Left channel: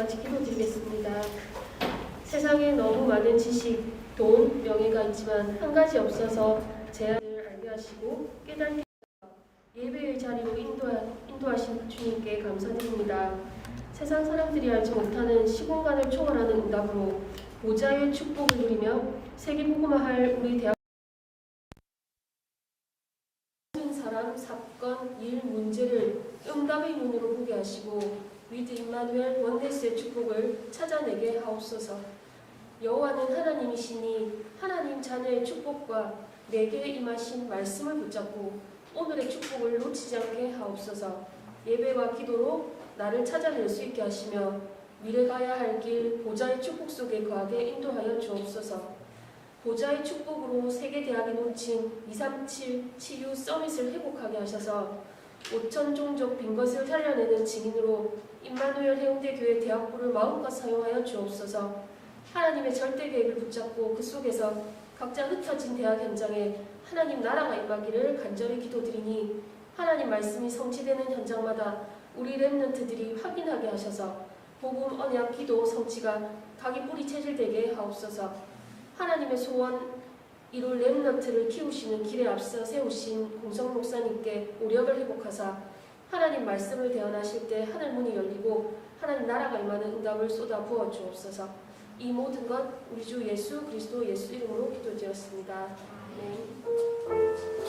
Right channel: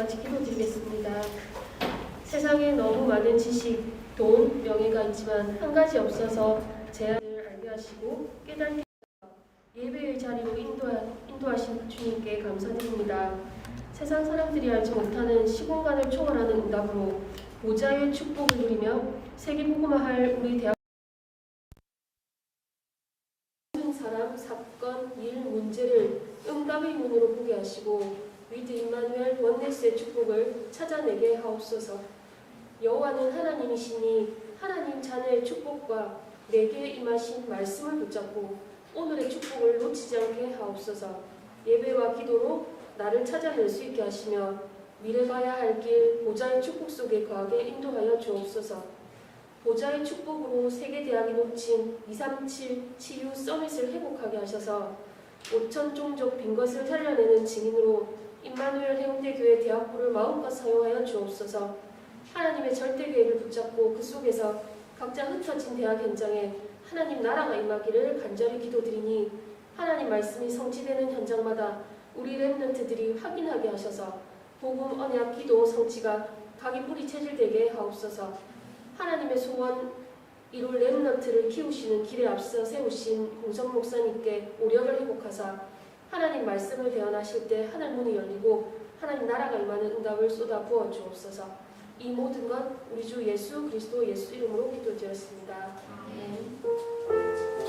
같이 기도드리겠습니다. 세상에 너무 많은 지식, 돈, 명예가 있지만 한 가지 없어서 제안을 알게 하시고 깨닫게 예배의 자리로 인도하신 주님께 감사드립니다. 세상 사람들이 알지 못하는 시공간을 초월하는 응답으로 보좌의 축복을 누리며 세계복음화할 우리 대학 모든 사람, 사건, 일, 문제를 응답의 눈으로 보게 하시고 위드 임마누엘 원네스의 축복을 찾아내게 하옵소서. 여호와는 하나님이시니 하나님 자녀의 축복과 내게 임하신 말씀을 붙잡고 오늘의 축복을 놓치지 않게 하옵소서. 예배와 기도로 나를 찾아낼 수 있게 하시며 미래 가야 할 길 보좌의 축복 속에 거하게 인도하여 주옵소서. 보좌의 축복으로 세계대학이 놓친 237 치유 서밋을 회복하게 하셔서 5천 종족 빈 것을 살려내는 증인으로 임마누엘 해운대 교회 대학부를 마음껏 사용하여 주옵소서. 하나님의 절대 계획을 붙잡고 그 속에서 각자 흩어진 대학 현장에 하나님 나라가 임하기를 간절히 기도드리니 하나님 말씀이 성취되는 현장마다 우리 렘넌트들이 확인하게 하셔서 복음, 언약, 기도, 성취가 각이 뿌리 체질되게 하옵소서. 하나님의 소원 이룰 렘넌트를 키우시는 길에 앞서 세우신 공성 목사님께 오력을 회복하사 하나님 말씀을 대언하실 때 하늘 문이 열리고 하나님 나라가 임하는 응답을 쏟아 부어 주옵소서. 이 모든 것 우리 주 예수 그리스도 예수 이름으로 기도드렸습니다. 아멘.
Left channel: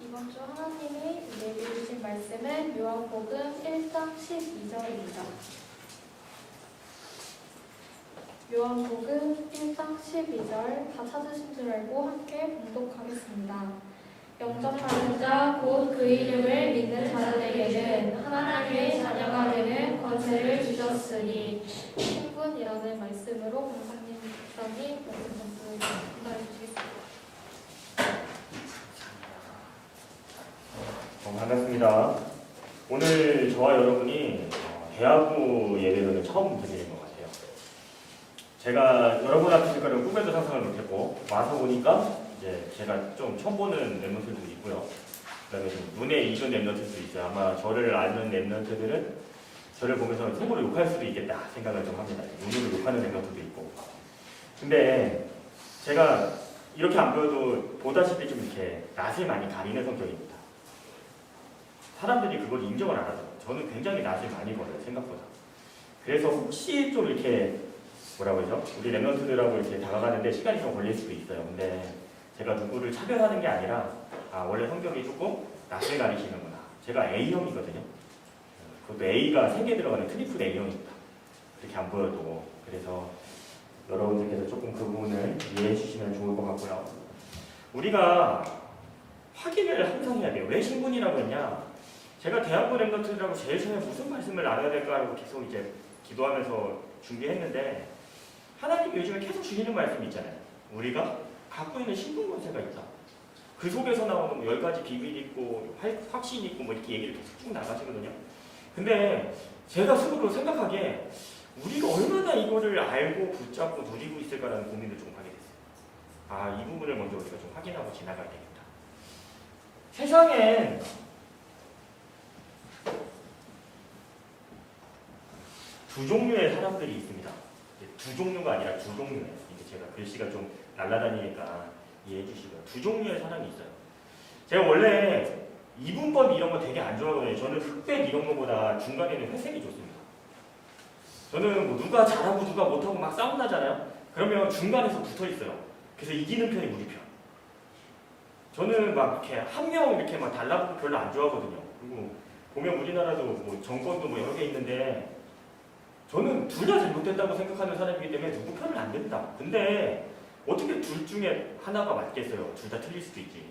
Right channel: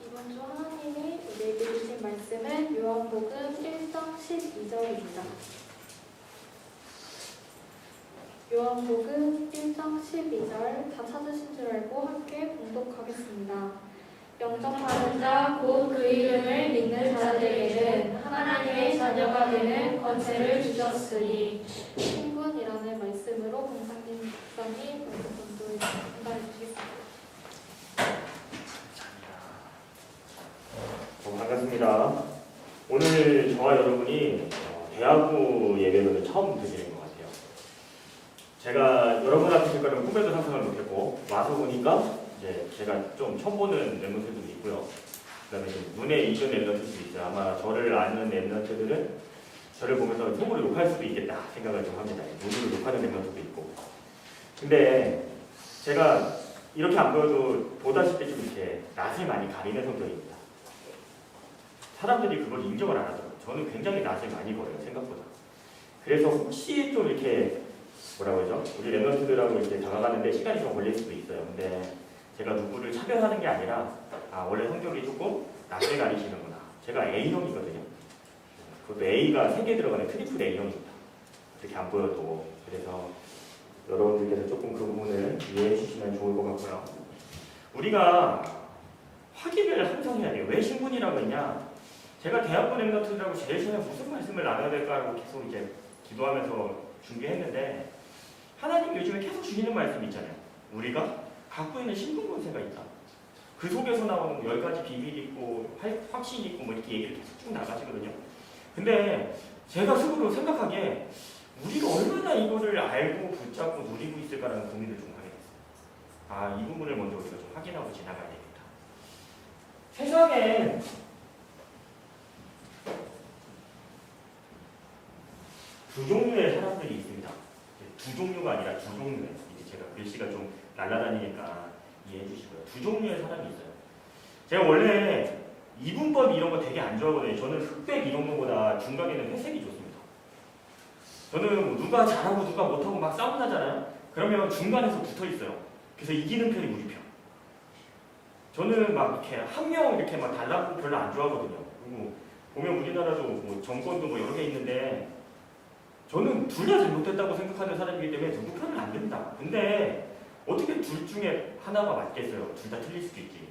이번 주 하나님이 우리에게 주신 말씀은 요한복음 1장 12절입니다. 요한복음 1장 12절 다 찾으신 줄 알고 함께 봉독하겠습니다. 영접하는 자 곧 그 이름을 믿는 자들에게는 하나님의 자녀가 되는 권세를 주셨으니 신분이라는 말씀으로 공상님 목사님 말씀 전달해 주시겠습니다. 반갑습니다. 오늘 저와 여러분이 대학부 예배를 처음 드리는 것 같아요. 제가 여러분 앞에 있을 거는 꿈에도 상상을 못했고 와서 보니까 이제 제가 좀 처음 보는 랩런트들도 있고요. 그다음에 좀 눈에 익은 랩런트들도 있어요. 아마 저를 아는 랩런트들은 저를 보면서 속으로 욕할 수도 있겠다 생각을 좀 합니다. 눈으로 욕하는 랩런트도 있고. 근데 제가 이렇게 안 보여도 보다시피 좀 이렇게 낯을 많이 가리는 성격입니다. 사람들이 그걸 인정을 안 하더라고요. 저는 굉장히 낯을 많이 걸어요, 생각보다. 그래서 혹시 좀 이렇게 뭐라고 하죠? 우리 랩런트들하고 이렇게 다가가는데 시간이 좀 걸릴 수도 있어요. 근데 제가 누구를 차별하는 게 아니라 원래 성격이 조금 낯을 가리시는구나. 제가 A형이거든요. 그것도 A가 3개 들어가는 트리플 A형입니다. 이렇게 안 보여도. 그래서 여러분들께서 조금 그 부분을 이해해 주시면 좋을 것 같고요. 우리가 확인을 항상 해야 돼요. 왜 신분이라고 했냐? 제가 대학부 랩런트들하고 제일 처음에 무슨 말씀을 나눠야 될까라고 계속 이제 기도하면서 준비했는데 하나님 요즘에 계속 주시는 말씀이 있잖아요. 우리가 갖고 있는 신분 권세가 있다. 그 속에서 나오는 10가지 비밀이 있고 확신이 있고 뭐 이렇게 얘기를 계속 쭉 나가시거든요. 근데 제가 스스로 생각하기에 우리가 얼마나 이거를 알고 붙잡고 누리고 있을까라는 고민을 좀 하게 됐어요. 이 부분을 먼저 우리가 좀 확인하고 지나가야 되겠다. 세상엔 두 종류의 사람들이 있습니다. 두 종류가 아니라 두 종류예요. 이게 제가 글씨가 좀 날아다니니까 이해해 주시고요. 두 종류의 사람이 있어요. 제가 원래 이분법 이런 거 되게 안 좋아하거든요. 저는 흑백 이런 거보다 중간에는 회색이 좋습니다. 저는 뭐 누가 잘하고 누가 못하고 막 싸움 나잖아요. 그러면 중간에서 붙어 있어요. 그래서 이기는 편이 우리 편. 저는 막 이렇게 한 명 이렇게 막 달라고 별로 안 좋아하거든요. 그리고 보면 우리나라도 뭐 정권도 뭐 여러 개 있는데 저는 둘 다 잘못됐다고 생각하는 사람이기 때문에 누구 편은 안 됩니다. 근데 어떻게 둘 중에 하나가 맞겠어요? 둘 다 틀릴 수도 있지.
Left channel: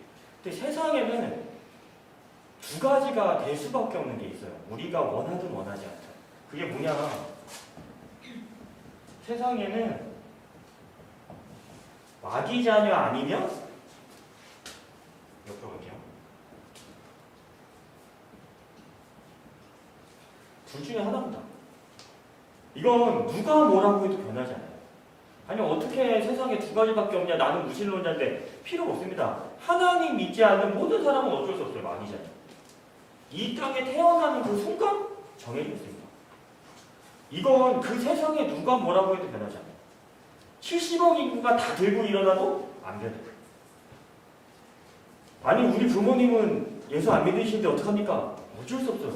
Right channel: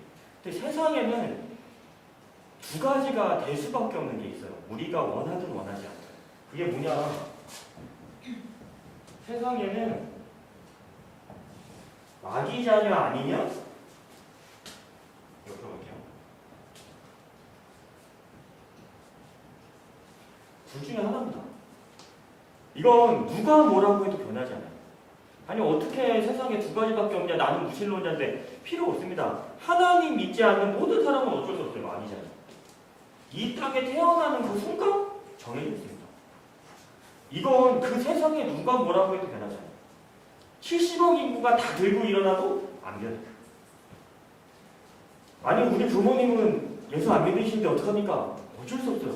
근데 세상에는 두 가지가 될 수밖에 없는 게 있어요. 우리가 원하든 원하지 않든. 그게 뭐냐? 세상에는 마귀 자녀 아니면 옆으로 갈게요. 둘 중에 하나입니다. 이건 누가 뭐라고 해도 변하지 않아요. 아니 어떻게 세상에 두 가지밖에 없냐? 나는 무신론자인데 필요 없습니다. 하나님 믿지 않는 모든 사람은 어쩔 수 없어요. 마귀잖아요. 이 땅에 태어나는 그 순간 정해져 있습니다. 이건 그 세상에 누가 뭐라고 해도 변하지 않아요. 70억 인구가 다 들고 일어나도 안 변해요. 아니 우리 부모님은 예수 안 믿으시는데 어떡합니까? 어쩔 수 없어요.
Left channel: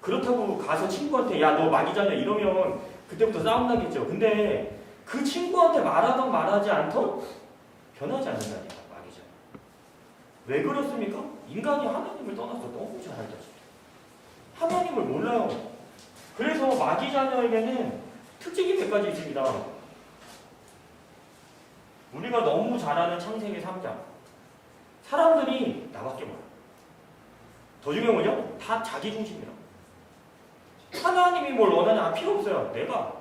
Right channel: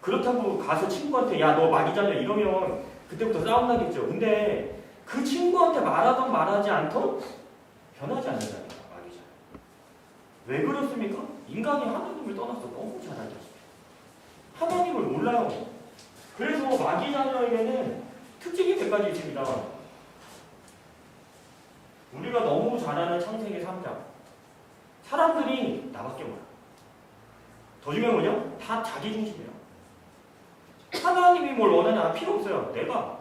그렇다고 가서 친구한테 야 너 마귀자녀 이러면 그때부터 싸움 나겠죠. 근데 그 친구한테 말하던 말하지 않던 변하지 않는다니까 마귀자녀. 왜 그렇습니까? 인간이 하나님을 떠나서 너무 잘 알다시피 하나님을 몰라요. 그래서 마귀자녀에게는 특징이 몇 가지 있습니다. 우리가 너무 잘 아는 창세기 3장. 사람들이 나밖에 몰라. 더 중요한 거죠? 다 자기 중심이야. 하나님이 뭘 원하냐? 필요 없어요. 내가.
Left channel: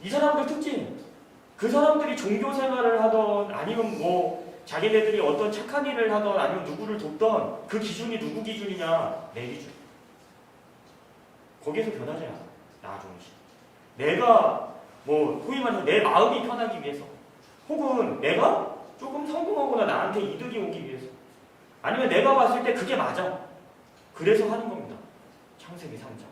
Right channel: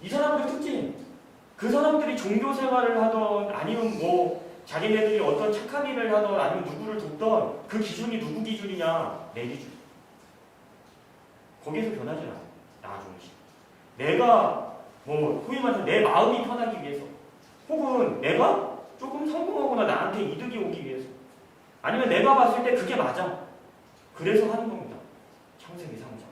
이 사람들 특징. 그 사람들이 종교 생활을 하던 아니면 뭐 자기네들이 어떤 착한 일을 하던 아니면 누구를 돕던 그 기준이 누구 기준이냐? 내 기준. 거기에서 변하지 않아. 나 중심. 내가 뭐 소위 말해서 내 마음이 편하기 위해서 혹은 내가 조금 성공하거나 나한테 이득이 오기 위해서 아니면 내가 봤을 때 그게 맞아. 그래서 하는 겁니다. 창세기 3장.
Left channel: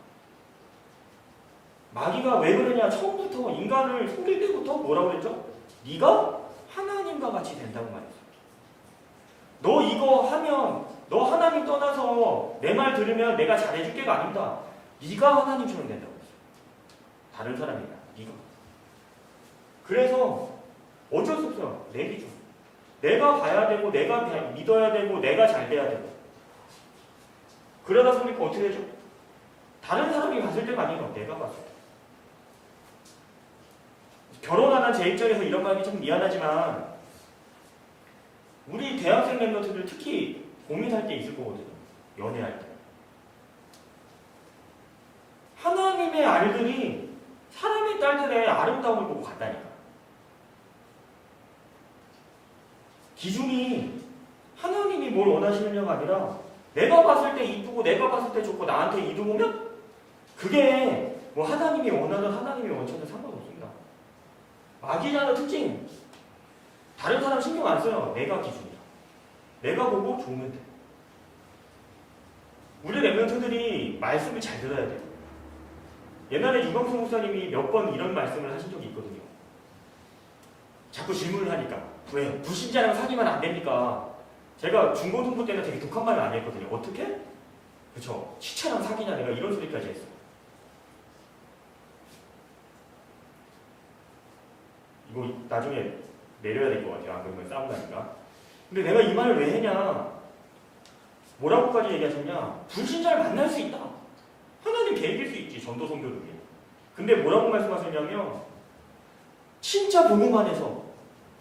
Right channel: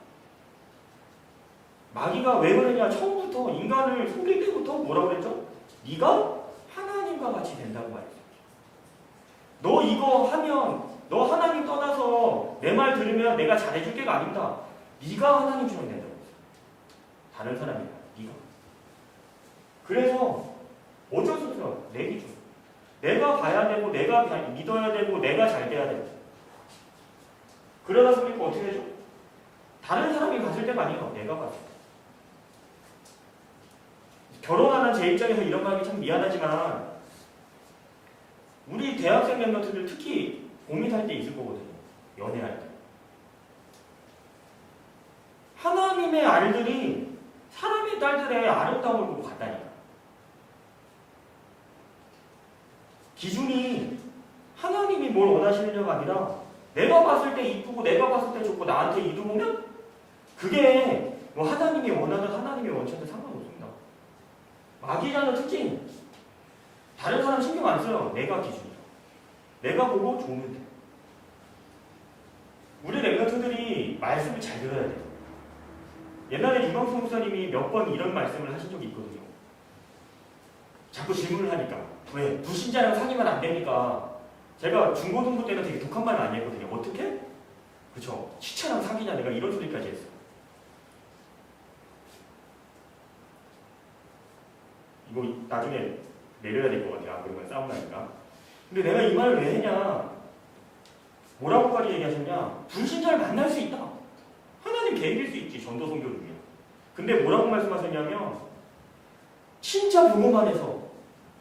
마귀가 왜 그러냐? 처음부터 인간을 숨길 때부터 뭐라고 그랬죠? 네가 하나님과 같이 된다고 말했어요. 너 이거 하면 너 하나님 떠나서 내 말 들으면 내가 잘해줄 게가 아닙니다. 네가 하나님처럼 된다고 했어요. 다른 사람이야. 네가. 그래서 어쩔 수 없어요. 내 기준. 내가 봐야 되고 내가 믿어야 되고 내가 잘 돼야 되고 그러다 보니까 어떻게 되죠? 다른 사람이 봤을 때가 아니에요. 내가 봤을 때. 결혼하는 제 입장에서 이런 말 하기 참 미안하지만 우리 대학생 멤버들 특히 고민할 때 있을 거거든요. 연애할 때. 하나님의 알들이 사람의 딸들의 아름다움을 보고 간다니까. 기준이 하나님이 뭘 원하시느냐가 아니라 내가 봤을 때 이쁘고 내가 봤을 때 좋고 나한테 이득 오면 그게 뭐 하나님이 원하든 하나님이 원치든 상관없습니다. 마귀자녀 특징. 다른 사람 신경 안 써요. 내가 기준이다. 내가 보고 좋으면 돼. 우리 랩런트들이 말씀을 잘 들어야 돼요. 옛날에 유광수 목사님이 몇 번 이런 말씀을 하신 적이 있거든요. 자꾸 질문을 하니까 왜? 불신자랑 사귀면 안 됩니까? 제가 중고등부 때는 되게 독한 말을 안 했거든요. 어떻게? 그쵸. 시체랑 사귀냐 내가 이런 소리까지 했어. 이거 나중에 내려야 될 것 같아요. 안 그러면 싸움 나니까. 근데 내가 이 말을 왜 했냐? 뭐라고까지 얘기하셨냐? 불신자를 만날 수 있다. 하나님 계획일 수 있지. 전도 선교를 위해. 근데 뭐라고 말씀하셨냐면 진짜 복음 안에서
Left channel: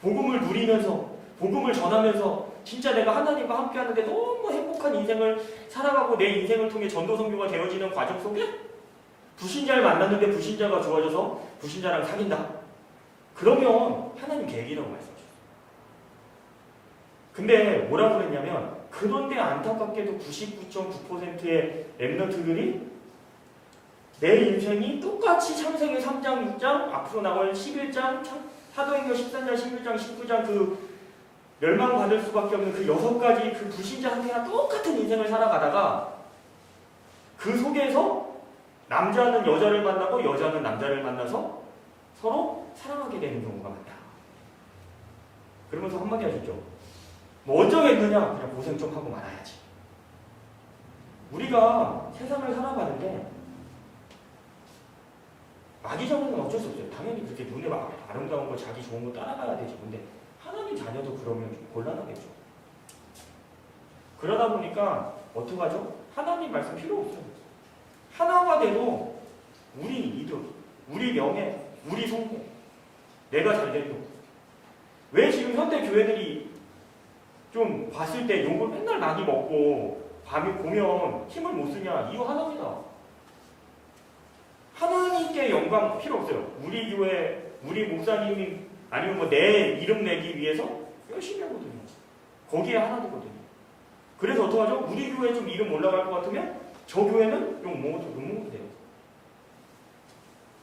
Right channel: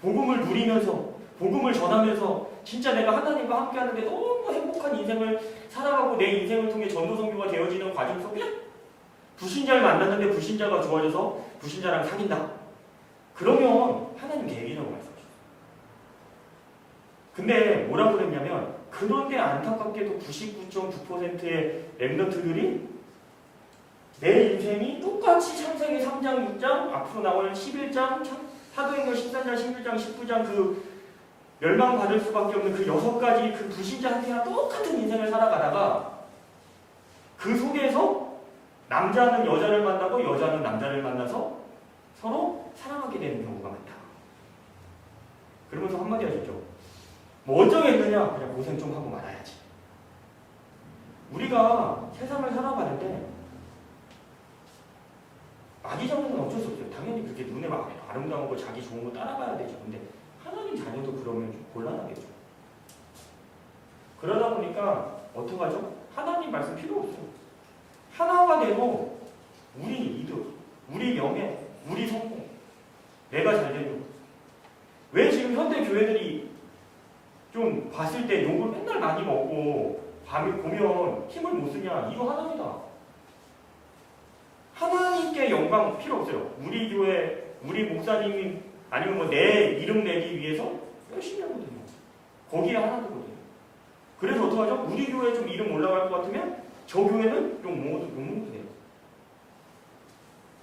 복음을 누리면서 복음을 전하면서 진짜 내가 하나님과 함께 하는데 너무 행복한 인생을 살아가고 내 인생을 통해 전도 선교가 되어지는 과정 속에 불신자를 만났는데 불신자가 좋아져서 불신자랑 사귄다. 그러면 하나님 계획이라고 말씀하셨어요. 근데 뭐라고 그랬냐면 그런데 안타깝게도 99.9%의 랩런트들이 내 인생이 똑같이 창세기 3장, 6장, 앞으로 나올 11장, 사도행전 13장, 16장, 19장 그 멸망받을 수밖에 없는 그 6가지 그 불신자한테나 똑같은 인생을 살아가다가 그 속에서 남자는 여자를 만나고 여자는 남자를 만나서 서로 사랑하게 되는 경우가 많다. 그러면서 한마디 하셨죠. 뭐 어쩌겠느냐? 그냥 고생 좀 하고 말아야지. 우리가 세상을 살아가는데 마귀자녀는 어쩔 수 없어요. 당연히 그렇게 눈에 아름다운 거 자기 좋은 거 따라가야 되죠. 근데 하나님 자녀도 그러면 좀 곤란하겠죠. 그러다 보니까 어떡하죠? 하나님 말씀 필요 없어요. 하나가 돼도 우리 이득, 우리 명예, 우리 성공, 내가 잘 되려고. 왜 지금 현대 교회들이 좀 봤을 때 욕을 맨날 많이 먹고 밤에 보면 힘을 못 쓰냐? 이유 하나입니다. 하나님께 영광 필요 없어요. 우리 교회, 우리 목사님이 아니면 뭐 내 이름 내기 위해서 열심히 하거든요. 거기에 하나님거든요. 그래서 어떡하죠? 우리 교회 좀 이름 올라갈 것 같으면 저 교회는 욕먹어도 돼요.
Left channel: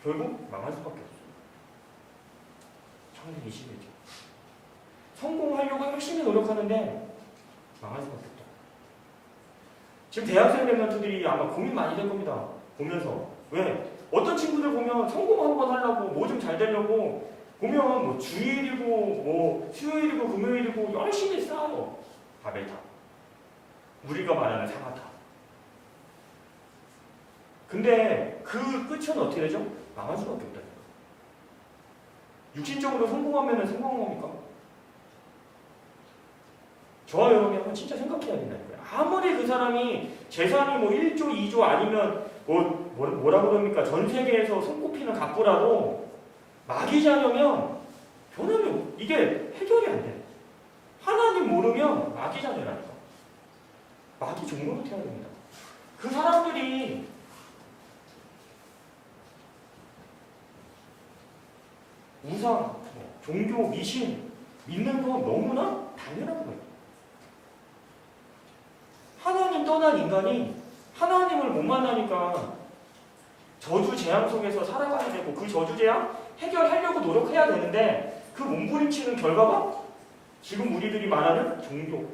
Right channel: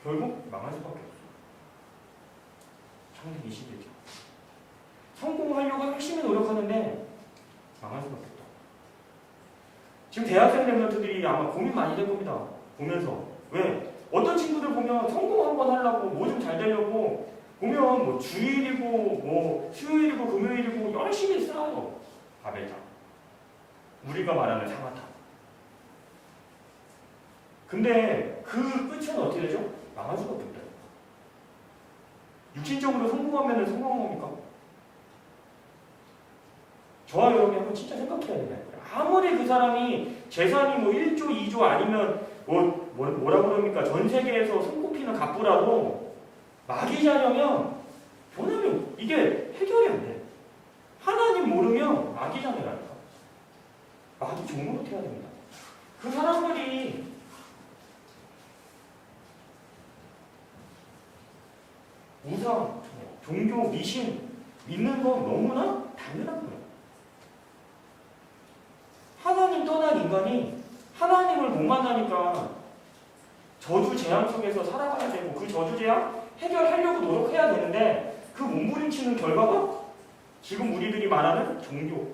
결국 망할 수밖에 없어요. 창세기 11장. 성공하려고 열심히 노력하는데 망할 수밖에 없다. 지금 대학생 랩런트들이 아마 고민 많이 될 겁니다. 보면서. 왜? 어떤 친구들 보면 성공 한번 하려고 뭐 좀 잘 되려고 보면 뭐 주일이고 뭐 수요일이고 금요일이고 열심히 쌓아요. 바벨탑. 우리가 말하는 상아탑. 근데 그 끝은 어떻게 되죠? 망할 수밖에 없다. 육신적으로 성공하면 성공한 겁니까? 저와 여러분이 한번 진짜 생각해야 된다는 거예요. 아무리 그 사람이 재산이 뭐 1조, 2조 아니면 뭐라 그럽니까? 전 세계에서 손꼽히는 갑부라도 마귀 자녀면 변하면 이게 해결이 안 돼. 하나님 모르면 마귀 자녀라니까. 마귀 종로로 태워야 됩니다. 그 사람들이 우상, 종교, 미신 믿는 건 너무나 당연한 거예요. 하나님 떠난 인간이 하나님을 못 만나니까 저주 재앙 속에서 살아가야 되고 그 저주 재앙 해결하려고 노력해야 되는데 그 몸부림치는 결과가 지금 우리들이 말하는 종교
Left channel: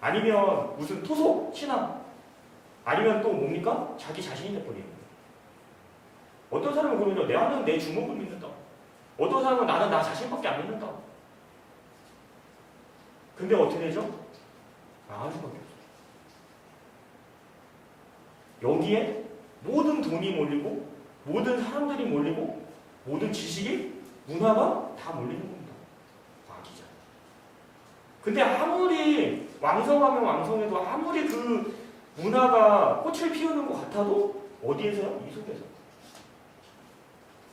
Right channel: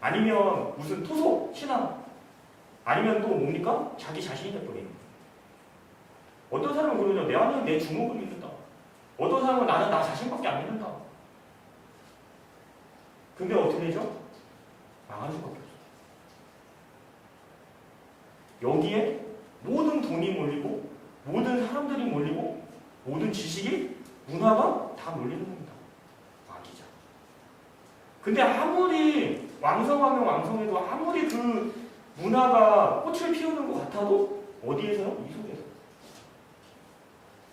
아니면 무슨 토속 신앙 아니면 또 뭡니까? 자기 자신이 돼버리는 거예요. 어떤 사람은 그러죠. 나는 내 주먹을 믿는다. 어떤 사람은 나는 나 자신밖에 안 믿는다. 근데 어떻게 되죠? 망할 수밖에 없어요. 여기에 모든 돈이 몰리고 모든 사람들이 몰리고 모든 지식이 문화가 다 몰리는 겁니다. 마귀자. 근데 아무리 왕성하면 왕성해도 아무리 그 문화가 꽃을 피우는 것 같아도 어디에서요? 이 속에서.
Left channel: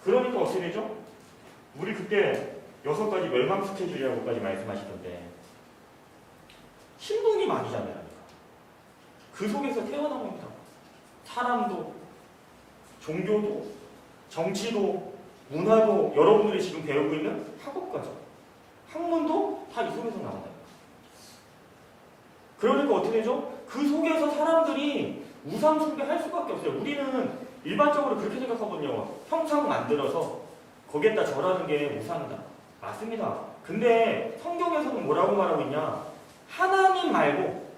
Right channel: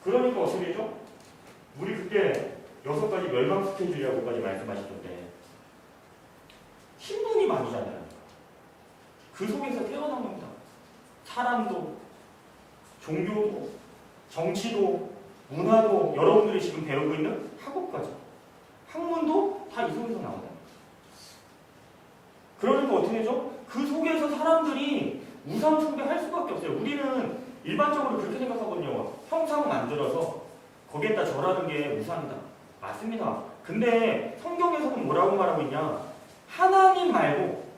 그러니까 어떻게 되죠? 우리 그때 6가지 멸망 스케줄이라고까지 말씀하시던데 신분이 마귀자라니까. 그 속에서 태어난 겁니다. 사람도 종교도 정치도 문화도 여러분들이 지금 배우고 있는 학업까지 학문도 다 이 속에서 나온다. 그러니까 어떻게 되죠? 그 속에서 사람들이 우상 숭배할 수밖에 없어요. 우리는 일반적으로 그렇게 생각하거든요. 형상 만들어서 거기에다 절하는 게 우상이다. 맞습니다. 근데 성경에서는 뭐라고 말하고 있냐? 하나님 말고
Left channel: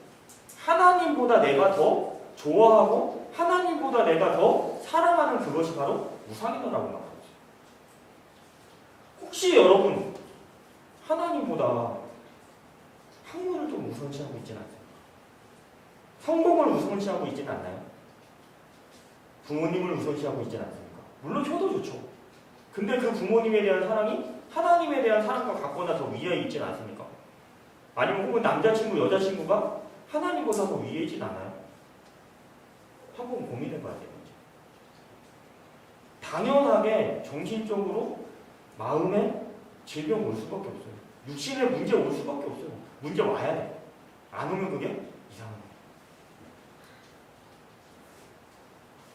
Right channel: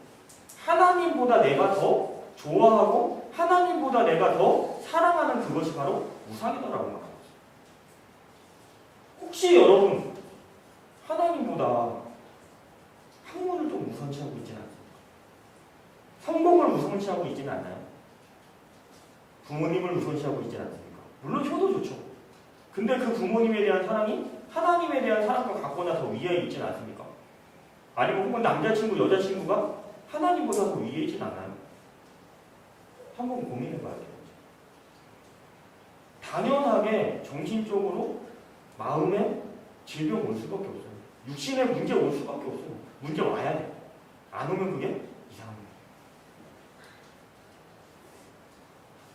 하나님보다 내가 더 좋아하고 하나님보다 내가 더 사랑하는 그것이 바로 우상이다라고 말하고 있어요. 혹시 여러분 하나님보다 학문을 좀 우선시하고 있지는 않습니까? 성공을 우선시하고 있지는 않나요? 부모님을 우선시하고 있지는 않습니까? 물론 효도 좋죠. 근데 그 부모님에 대한 사랑이 하나님에 대한 사랑과 같거나 더 위에 있지는 않습니까? 아니면 혹은 남자친구, 여자친구가 하나님보다 더 위에 있진 않아요? 한번 고민해 봐야 돼요. 당연하게 정신적으로 마음에 질병 올 수밖에 없어요. 육신에 문제 올 수밖에 없어요. 문제 와야 돼. 안 오면 그게 이상한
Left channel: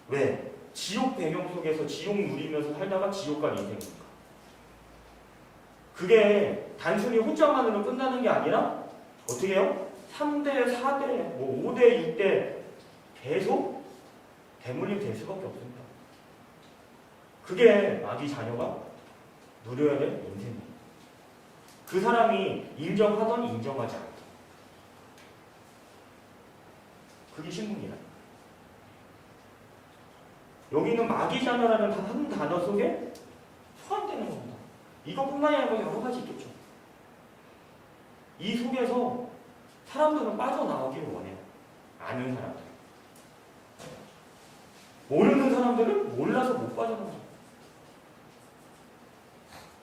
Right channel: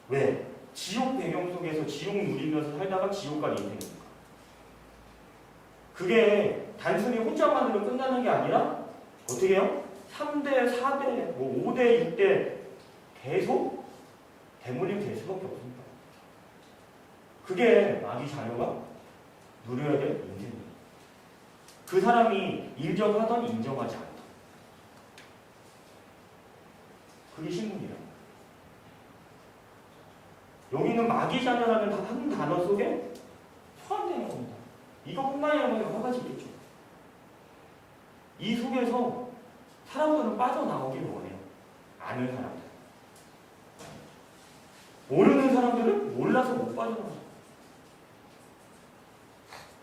거예요. 왜? 지옥 배경 속에서 지옥 누리면서 살다가 지옥 간 인생이니까. 그게 단순히 혼자만으로 끝나는 게 아니라 어떻게 해요? 3대, 4대, 뭐 5대, 6대 계속 대물림 될 수밖에 없습니다. 그게 마귀 자녀가 누려야 될 인생이에요. 그 사람이 인정하던 인정하지 않던 그게 신분이다. 여기는 마귀 자녀라는 한 단어 속에 포함되는 겁니다. 이것뿐만이 아니라 뭐 여러 가지 있겠죠. 이 속에서 사람들은 빠져나오기를 원해요. 아는 사람들. 모르는 사람들은 몰라서 못 빠져나가요.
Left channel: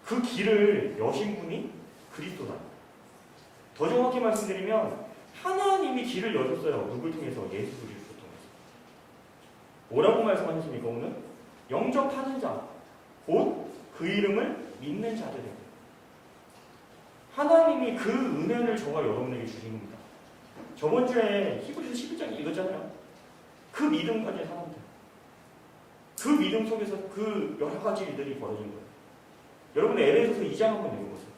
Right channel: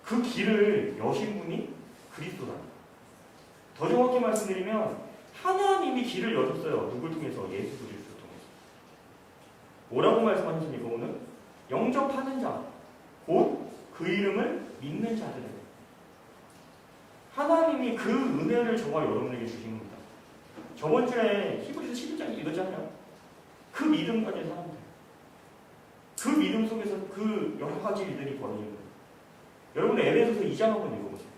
그 길을 여신 분이 그리스도랍니다. 더 정확히 말씀드리면 하나님이 길을 여셨어요. 누굴 통해서? 예수 그리스도를 통해서. 뭐라고 말씀하셨습니까? 오늘? 영접하는 자, 곧 그 이름을 믿는 자들에게. 하나님이 그 은혜를 저와 여러분에게 주신 겁니다. 저번 주에 히브리서 11장 읽었잖아요. 그 믿음 가진 사람들. 그 믿음 속에서 그 여러 가지 일들이 벌어진 거예요. 여러분 에베소서 2장 한번 읽어보세요.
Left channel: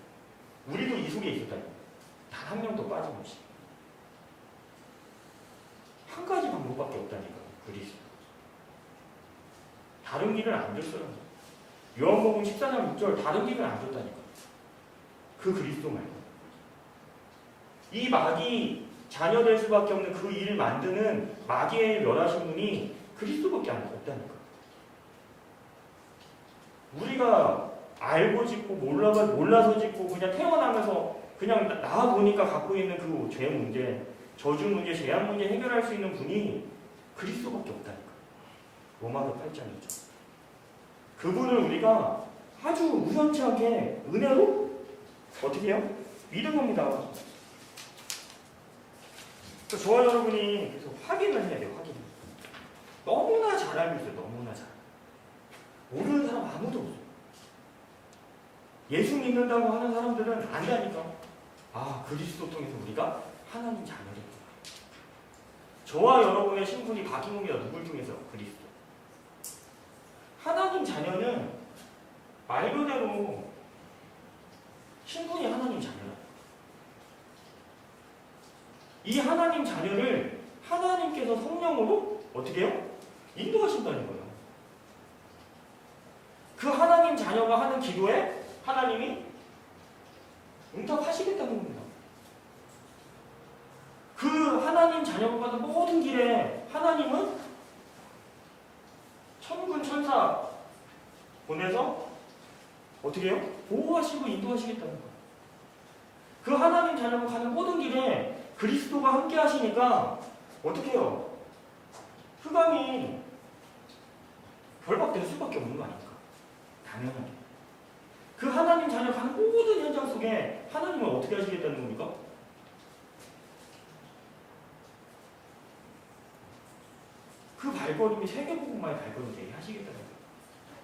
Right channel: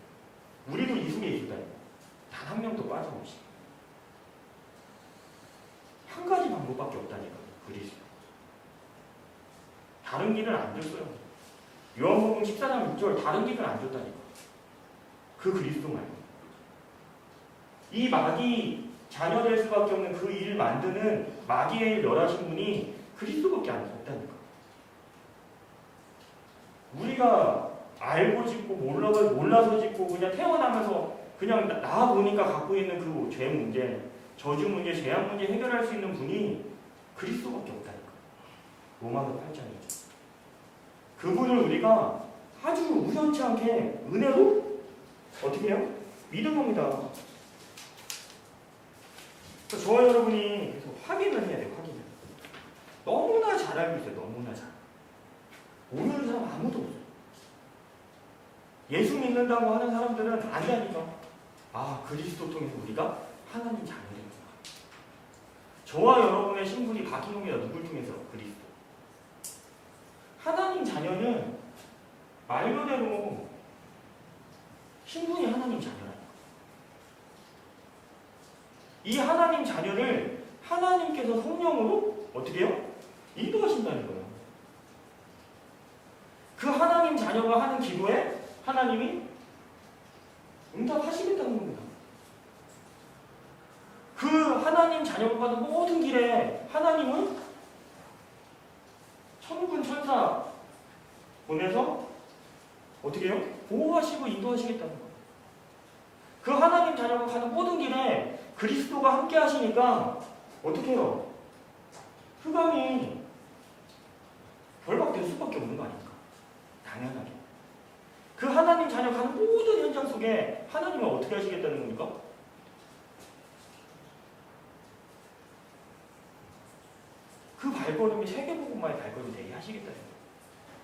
우리도 이 속에 있었다니. 단 한 명도 빠짐없이. 한 가지 방법밖에 없다니까. 그리스도. 다른 길을 안 줬어요. 요한복음 14장 6절 다른 길을 안 줬다니까. 그 그리스도 말고. 이 마귀 자녀 될 수밖에 없는 그 일을 만드는 마귀의 멸하신 분이 그리스도밖에 없다니까. 우리가 알고 짓고 몰라서 짓고 그냥 태어나면서 그냥 나와 보니까 갖고 있는 그 죄 문제, 저주 문제, 죄악 문제 해결할 수 있는 분이 그리스도밖에 없다니까. 로마서 8장이죠. 그분을 우리가 아주 우연치 않게 은혜로 어떻게 해요? 믿은 겁니다. 그래서 저와 여러분이 계속 확인을 해야 돼요. 확인을. 너무나 잘 알고 있어요. 너무나 잘. 모르는 사람 아무도 없어요. 예수 믿는다고 하는 사람들은 안다니까. 아, 그리스도 통해서 우리가 하나님 자녀되구나. 저와 여러분의 신분이 바뀐 겁니다. 누굴 통해서? 그리스도. 하나님 자녀는 말 그대로 신분이 하나님 자녀라니까. 이 하나님 자녀를 하나님께서 성령으로 어떻게 해요? 인도하신다는 거예요. 그 하나님 자녀가 하는 기도에 하나님이 응답하시겠다는 겁니다. 그 하나님 자녀가 가는 모든 길에 하나님은 천군 천사 보내서 어떻게 해요? 보호하시고 인도하시겠다는 거예요. 그 하나님 자녀가 가는 모든 길에 그리스도가 함께 하시니까 어떻게 해요? 흑암이 결박될 수밖에 없는 거 아닙니까? 당연하게. 그 하나님 자녀 가는 모든 현장 속에 하나님은 어떻게 하시겠다는 겁니까? 그 발걸음이 세계복음화의 발걸음이 되게 하시겠다는 거예요.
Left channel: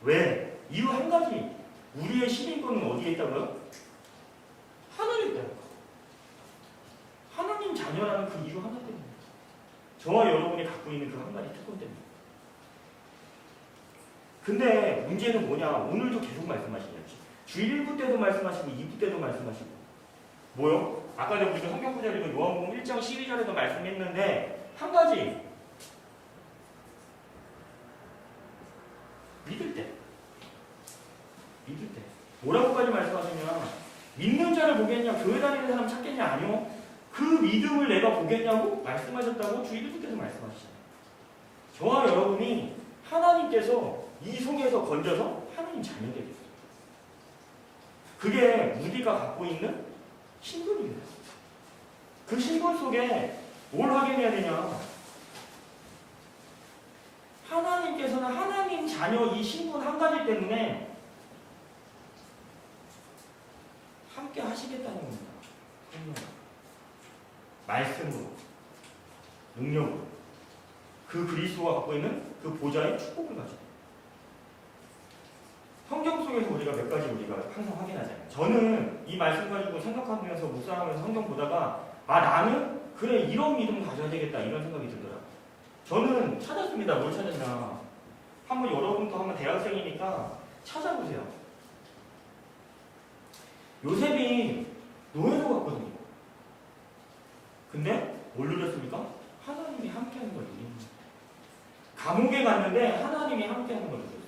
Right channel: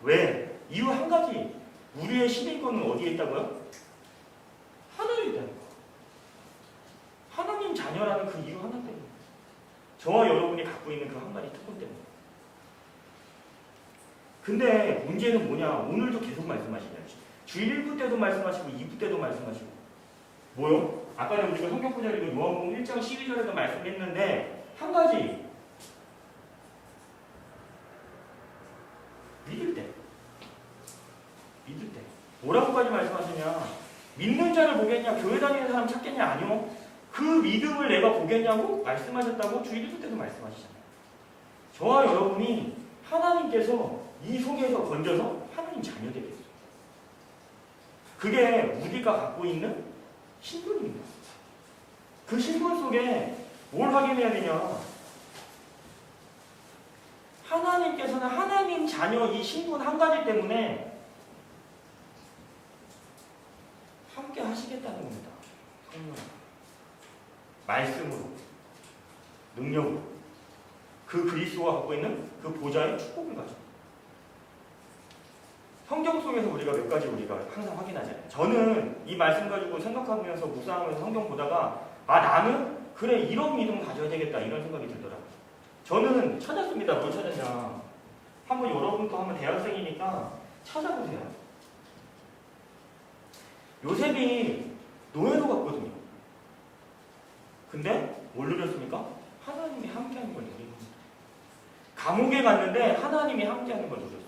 왜? 이유 한 가지. 우리의 신의권은 어디에 있다고요? 하늘에 있다는 거. 하나님 자녀라는 그 이유 하나 때문에. 저와 여러분이 갖고 있는 그 한 가지 특권 때문에. 근데 문제는 뭐냐? 오늘도 계속 말씀하시냐지. 주 1부 때도 말씀하시고 2부 때도 말씀하시고. 뭐요? 아까 전에 우리가 성경 구절 읽은 요한복음 1장 12절에도 말씀했는데 한 가지. 믿을 때. 믿을 때. 뭐라고까지 말씀하시냐? 믿는 자를 보겠냐? 교회 다니는 사람 찾겠냐? 아니요. 그 믿음을 내가 보겠냐고 말씀하셨다고 주 1부 때도 말씀하시잖아요. 저와 여러분이 하나님께서 이 속에서 건져서 하나님 자녀 되겠어요. 그게 우리가 갖고 있는 신분입니다. 그 신분 속에 뭘 확인해야 되냐? 하나님께서는 하나님 자녀 이 신분 한 가지 때문에 함께 하시겠다는 겁니다. 성령. 말씀으로, 능력으로. 그 그리스도가 갖고 있는 그 보좌의 축복을 가지고. 성경 속에서 우리가 몇 가지 우리가 항상 확인하잖아요. 저는 이 말씀 가지고 생각하면서 묵상하면서 성경 보다가 아 나는 그래 이런 믿음 가져야 되겠다 이런 생각이 들더라고요. 저는 찾았습니다. 뭘 찾았냐. 한번 여러분도 한번 대학생이니까 찾아보세요. 요셉이 노예로 갔거든요. 근데 뭘 누렸습니까? 하나님이 함께하는 걸 누린 겁니다. 감옥에 갔는데 하나님이 함께하는 걸 누렸어요.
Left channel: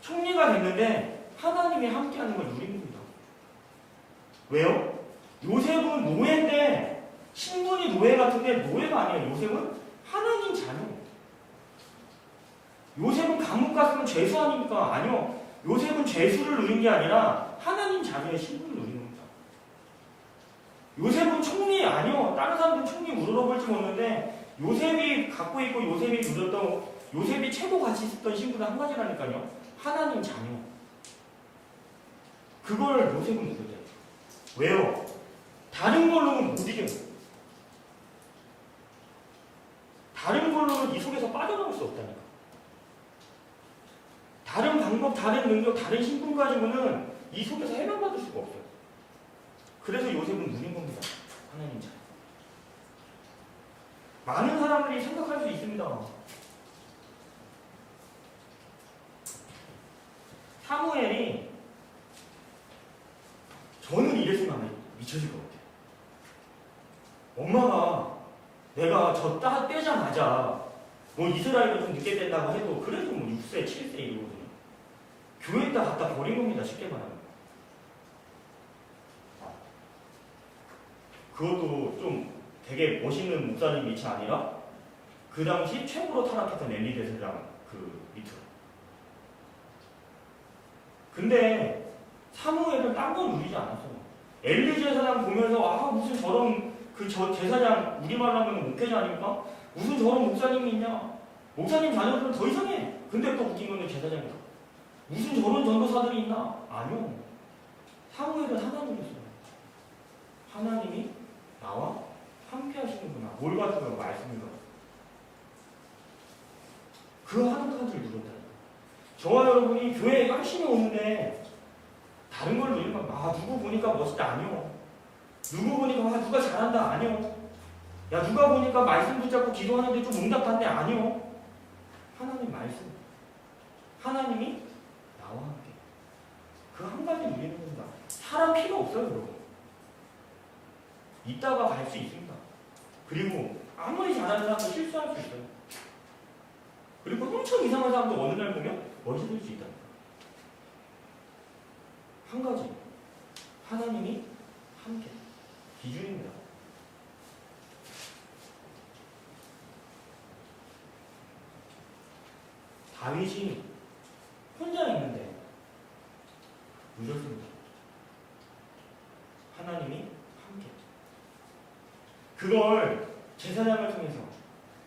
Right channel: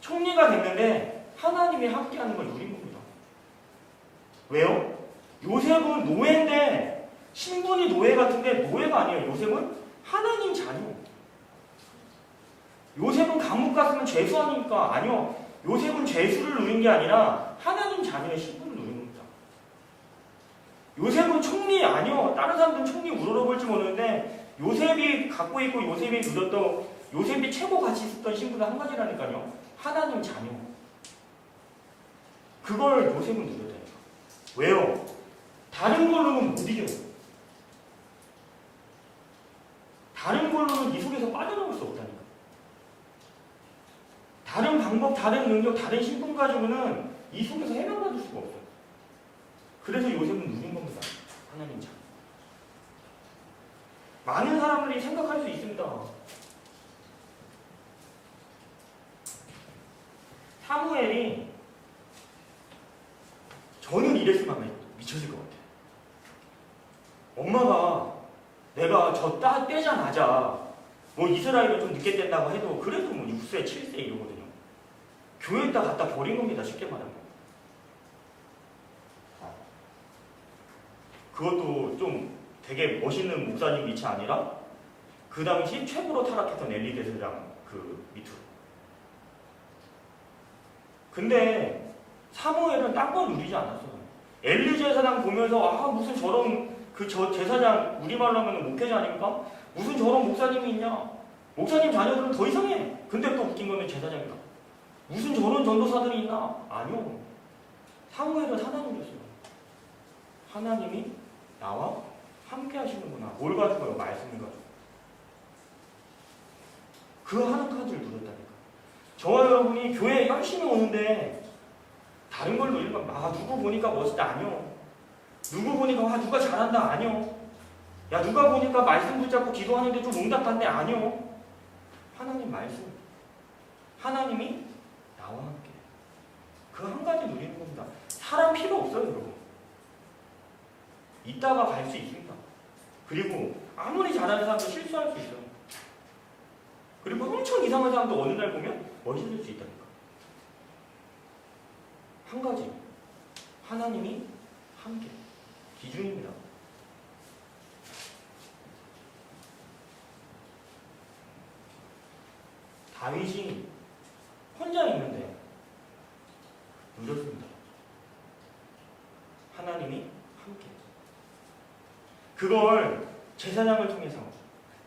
총리가 됐는데 하나님이 함께하는 걸 누린 겁니다. 왜요? 요셉은 노예인데 신분이 노예 같은데 노예가 아니에요. 요셉은 하나님 자녀. 요셉은 감옥 갔으면 죄수 아닙니까? 아니요. 요셉은 죄수를 누린 게 아니라 하나님 자녀의 신분을 누린 겁니다. 요셉은 총리 아니요. 다른 사람들은 총리 우러러볼지 모르는데 요셉이 갖고 있고 요셉이 누렸던 요셉이 최고 가치 있었던 신분은 한 가지라니까요. 하나님 자녀. 그걸 요셉은 누렸다니까. 왜요? 다른 걸로는 못 이겨요. 다른 걸로는 이 속에서 빠져나올 수 없다니까. 다른 방법, 다른 능력, 다른 신분 가지고는 이 속에서 해방받을 수가 없어요. 그래서 요셉은 누린 겁니다. 하나님 자녀. 많은 사람들이 생각할 수 있습니다. 사무엘이 저는 이랬으면 아마 미쳐질 것 같아요. 엄마가 내가 저 떼자마자 뭐 이스라엘은 좀 늦게 뗀다고 해도 그래도 뭐 6세, 7세 이러거든요. 교회에다 갖다 버린 겁니다. 쉽게 말하면. 그것도 좀 되게 멋있는 목사님 밑이 아니라 그 당시 최고로 타락했던 엘리 대제사장 그 밑으로. 근데 사무엘은 딴 건 누리지 않았어요. 엘리 제사장 보면서 아 무슨 저런 제사장 우리말로 하면 목회자 아닙니까? 무슨 저런 목사님이 있냐? 목사님 자녀들은 더 이상해. 근데 또 웃긴 거는 제사장이다. 무슨 저런 전도사들이 있나? 아니요. 사무엘은 하나님이었어요. 하나님이 나와 함께 하시는구나. 뭘 가지고요? 말씀을 가지고. 그 하는 카드를 누렸다니까. 저와 여러분이 교회에 열심히 오는데 다른 걸 누리면 아 누구 보니까 멋있다 아니요. 누구 보니까 와 누가 잘한다 아니요. 야 누가 보니까 말씀 붙잡고 기도하는데 좀 응답한데 아니요. 하나님 말씀. 하나님이 나와 함께. 그 한 가지 누리는 겁니다. 사람 필요 없어요, 여러분. 이따가 갈 수 있습니다. 그리고 아무리 잘하는 사람도 실수할 수 있어요. 그리고 엄청 이상한 사람도 어느 날 보면 멋있을 수 있다니까. 한 가지. 하나님이 함께. 기준입니다. 다윗이 혼자 있는데 누렸습니다. 하나님이 함께. 그걸 제사장을 통해서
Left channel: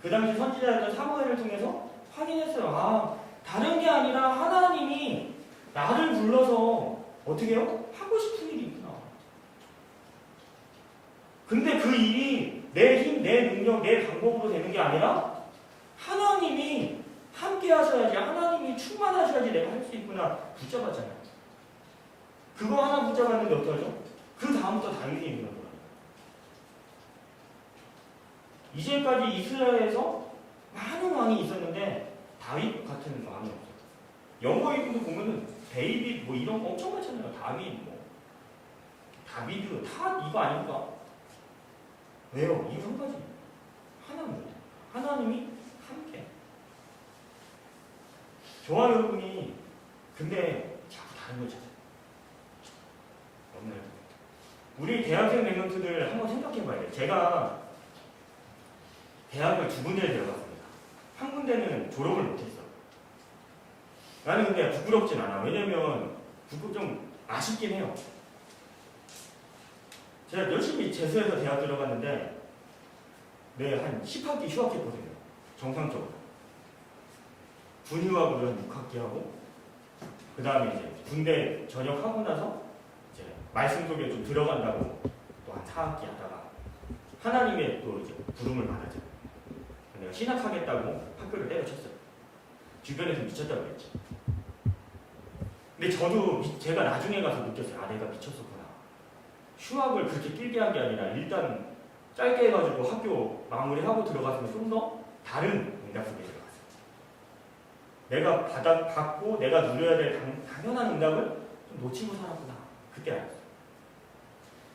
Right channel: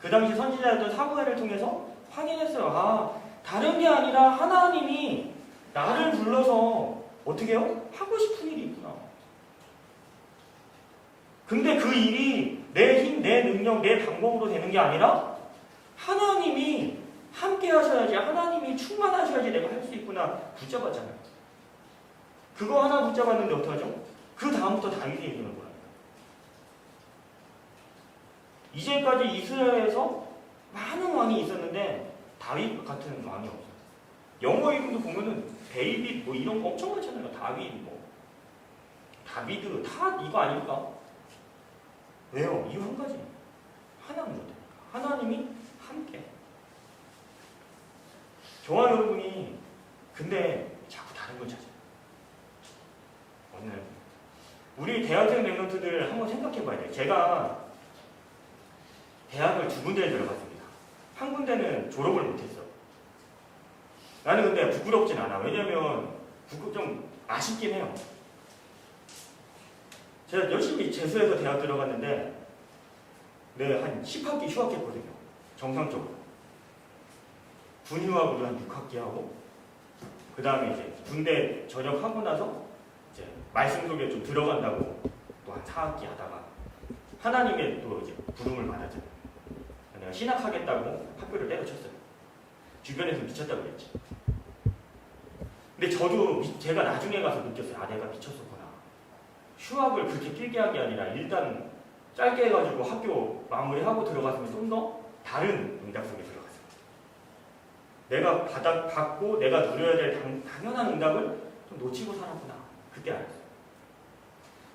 그 당시 선지자였던 사무엘을 통해서 확인했어요. 아, 다른 게 아니라 하나님이 나를 불러서 어떻게 해요? 하고 싶은 일이 있구나. 근데 그 일이 내 힘, 내 능력, 내 방법으로 되는 게 아니라 하나님이 함께 하셔야지, 하나님이 충만하셔야지 내가 할 수 있구나. 붙잡았잖아요. 그거 하나 붙잡았는데 어떡하죠? 그 다음부터 다윗의 얘기를 보라니까. 이제까지 이스라엘에서 많은 왕이 있었는데 다윗 같은 왕이 없어요. 영어 이름도 보면은 데이빗 뭐 이런 거 엄청 많잖아요. 다윗 뭐 다비드 다 이거 아닙니까? 왜요? 이유 한 가지. 하나님으로 되니까. 하나님이 함께. 저와 여러분이 근데 자꾸 다른 걸 찾아요. 어느 날 우리 대학생 랩런트들 한번 생각해 봐야 돼요. 제가 대학을 2군데에 들어갔습니다. 한 군데는 졸업을 못했어. 나는 근데 부끄럽진 않아. 왜냐면 좀 아쉽긴 해요. 제가 열심히 재수해서 대학 들어갔는데 한 10학기 휴학했거든요. 정상적으로. 군휴학으로 한 6학기 하고 그 다음에 이제 군대 전역하고 나서 이제 말씀 속에 좀 들어간다고 또 한 4학기 하다가 하나님의 또 이제 부름을 받았잖아요. 내가 신학하겠다고 학교를 때려쳤어요. 주변에서 미쳤다고 그랬지. 근데 저도 제가 나중에 가서 느꼈어요. 아, 내가 미쳤었구나. 휴학을 그렇게 길게 한 게 아니라 일단 짧게 해가지고 학교 마무리하고 들어갔으면 좀 더 다른 응답 속에 들어갔어요. 내가 받고 내가 누려야 될 당연한 응답을 좀 놓치고 살았구나. 그때 알았어요.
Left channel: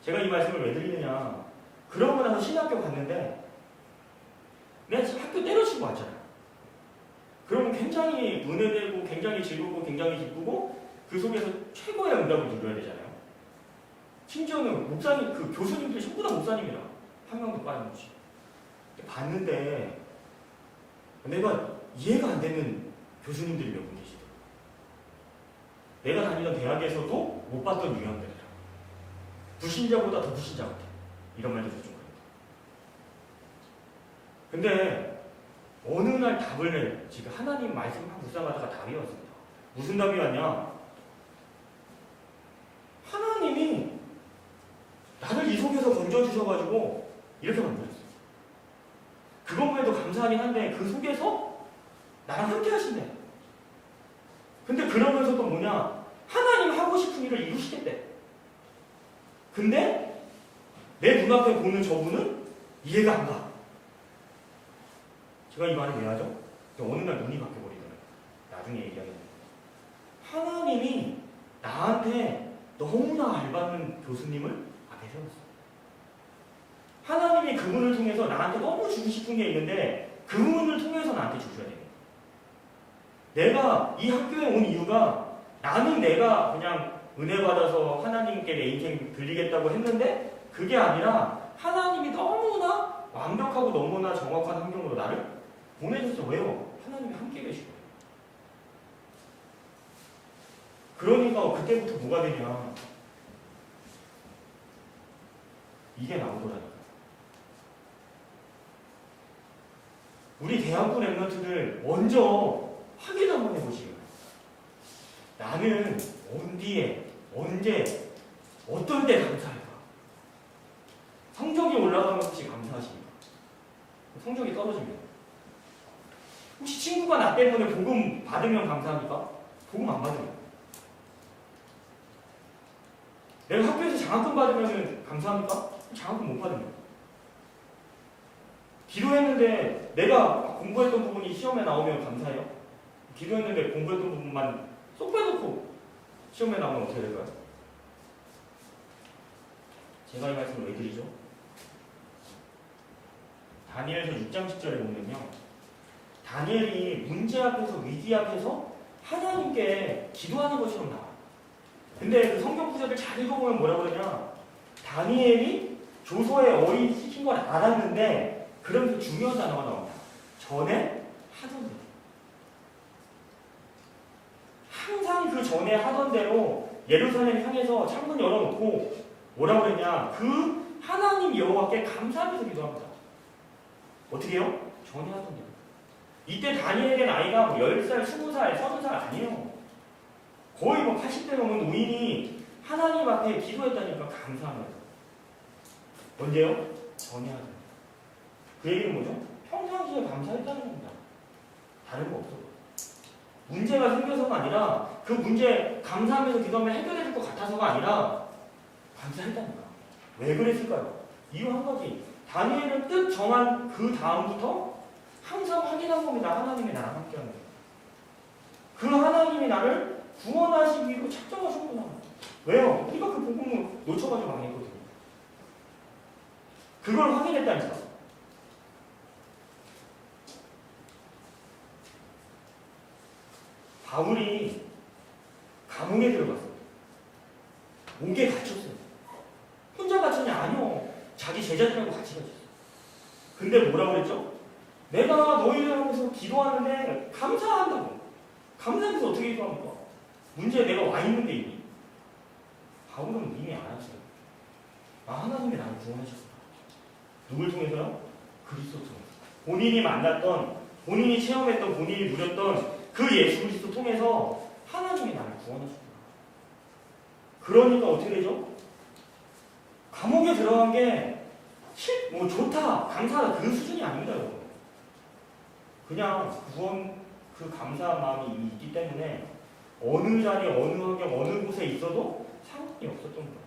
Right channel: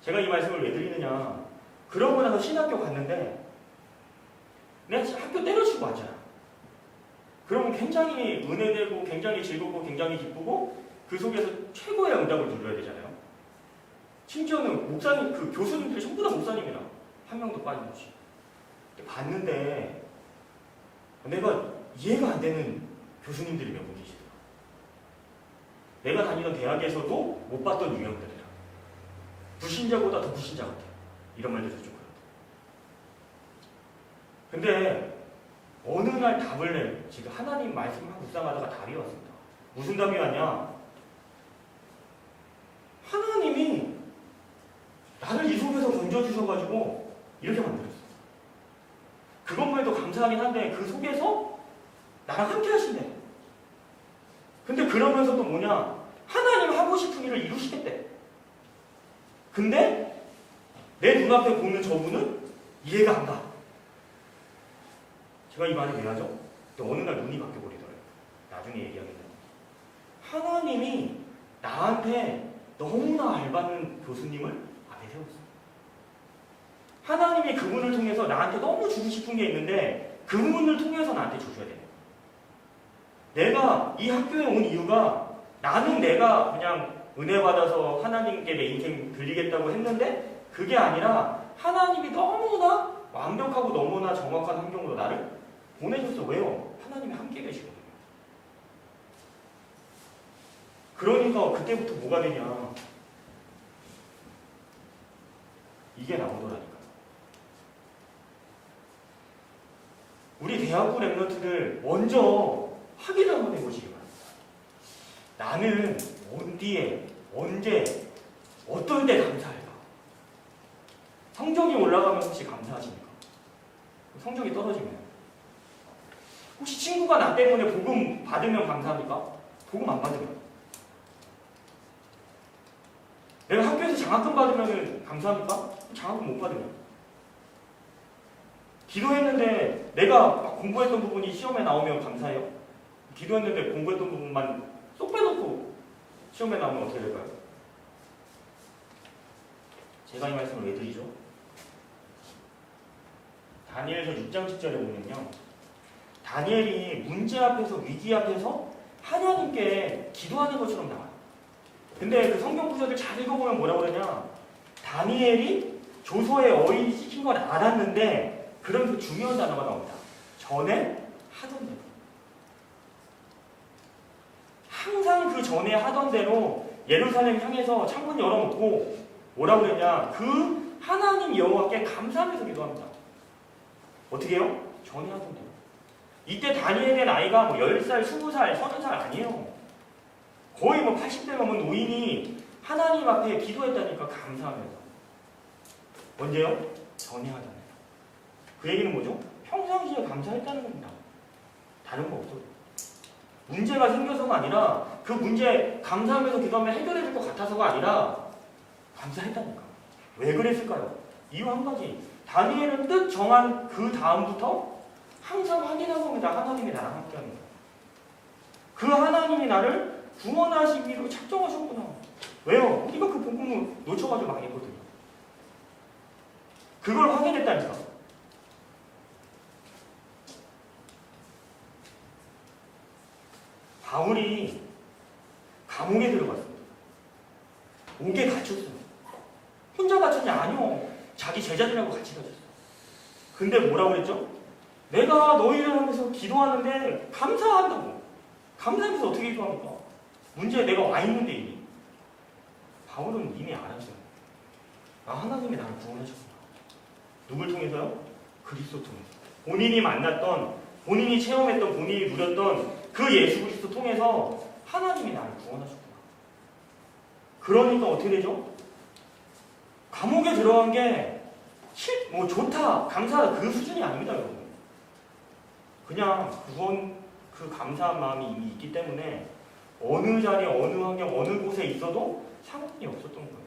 제가 이 말씀을 왜 드리느냐. 그러고 나서 신학교 갔는데 내가 학교 때려치고 왔잖아. 그러면 굉장히 은혜되고 굉장히 즐겁고 굉장히 기쁘고 그 속에서 최고의 응답을 누려야 되잖아요. 심지어는 목사님, 그 교수님들이 전부 다 목사님이라 한 명도 빠짐없이 봤는데 내가 이해가 안 되는 교수님들이 몇 분 계시더라. 내가 다니던 대학에서도 못 봤던 유형들이라. 불신자보다 더 불신자 같아. 이런 말도 좀 그런데. 근데 어느 날 답을 지금 하나님 말씀 막 묵상하다가 답이 왔습니다. 무슨 답이 왔냐? 하나님이 나를 이 속에서 건져주셔가지고 이렇게 만들었어. 그것만 해도 감사하긴 한데 그 속에서 나랑 함께 하신대. 근데 그러면서도 뭐냐? 하나님 하고 싶은 일을 이루시겠대. 근데 내 눈앞에 보는 저분은 이해가 안 가. 제가 이 말을 왜 하죠? 어느 날 눈이 바뀌어버리더래요. 나중에 얘기하겠는데. 하나님이 나한테 너무나 알받는 교수님을 앞에 세웠어요. 하나님이 그분을 통해서 나한테 너무 주고 싶은 게 있는데 그분을 통해서 나한테 주셔야 되는 거예요. 내가 이 학교에 온 이유가 나는 내가 그냥 은혜 받아서 하나님께 내 인생 들리겠다고 했는데 그게 아니라 하나님이 너무나 완벽하고 너무나 정확한 환경으로 나를 보내줬어. 왜요? 하나님이 함께 계시거든요. 그러니까 그때부터 뭐가 되냐? 이게 나오더라니까. 우리 대학부 랩런트들 먼저 확인 한번 해보시기 바랍니다. 나는 어디에, 언제, 어떨 때 감사할까? 성적이 올라가면 혹시 감사하십니까? 성적이 떨어지면? 혹시 친구가 나 때문에 복음 받으면 감사합니까? 복음 안 받으면? 내가 학교에서 장학금 받으면 감사합니까? 장학금 못 받으면? 기도했는데 내가 공부했던 부분이 시험에 나오면 감사해요? 기도했는데 공부했던 부분만 쏙 빼놓고 시험에 나오면 어떻게 될까요? 제가 이 말씀을 왜 드리죠? 다니엘서 6장 10절에 보면요, 다니엘이 문제 앞에서, 위기 앞에서 하나님께 기도하는 것처럼 나와요. 근데 그 성경 구절을 잘 읽어보면 뭐라고 그러냐, 다니엘이 조서에 어인이 시킨 걸 알았는데 그런 그 중요한 단어가 나옵니다. 전에 하던 대로. 항상 그 전에 하던 대로 예루살렘 향해서 창문 열어놓고 뭐라고 그랬냐, 그 하나님 여호와께 감사하면서 기도합니다. 어떻게 해요? 전에 하던 대로. 이때 다니엘의 나이가 뭐 10살, 20살, 30살 아니에요. 거의 뭐 80대 넘은 노인이 하나님 앞에 기도했다니까, 감사하면서. 언제요? 전에 하던 대로. 그 얘기는 뭐죠? 평상시에 감사했다는 겁니다. 다른 거 없어도. 문제가 생겨서가 아니라 그 문제 감사하면서 기도하면 해결해 줄 것 같아서가 아니라 감사했다니까. 왜 그랬을까요? 이유 한 가지. 다니엘은 뜻 정한 그 다음부터 항상 확인한 겁니다. 하나님이 나랑 함께하는 거예요. 그 하나님이 나를 구원하시기로 작정하셨구나. 왜요? 우리가 그 복음을 놓쳐가지고 망했거든요. 그걸 확인했다니까. 바울이 감옥에 들어갔습니다. 옥에 갇혔어요. 혼자 갇혔냐? 아니요. 자기 제자들하고 같이 갇혔어요. 근데 뭐라고 그랬죠? 내가 너희를 하면서 기도하는데 감사한다고. 감사해서 어떻게 기도합니까? 문제에 내가 와 있는데 이미. 바울은 이미 알았어요. 아, 하나님이 나를 구원하셨구나. 누굴 통해서요? 그리스도 통해서. 본인이 만났던, 본인이 체험했던, 본인이 누렸던 그 예수 그리스도 통해서 하나님이 나를 구원하셨구나. 그러니까 어떻게 되죠? 감옥에 들어간 게 뭐 좋다, 감사하다 그 수준이 아닙니다, 여러분. 그냥 구원, 그 감사한 마음이 이미 있기 때문에 어느 자리, 어느 환경, 어느 곳에 있어도 상관이 없었던 거예요.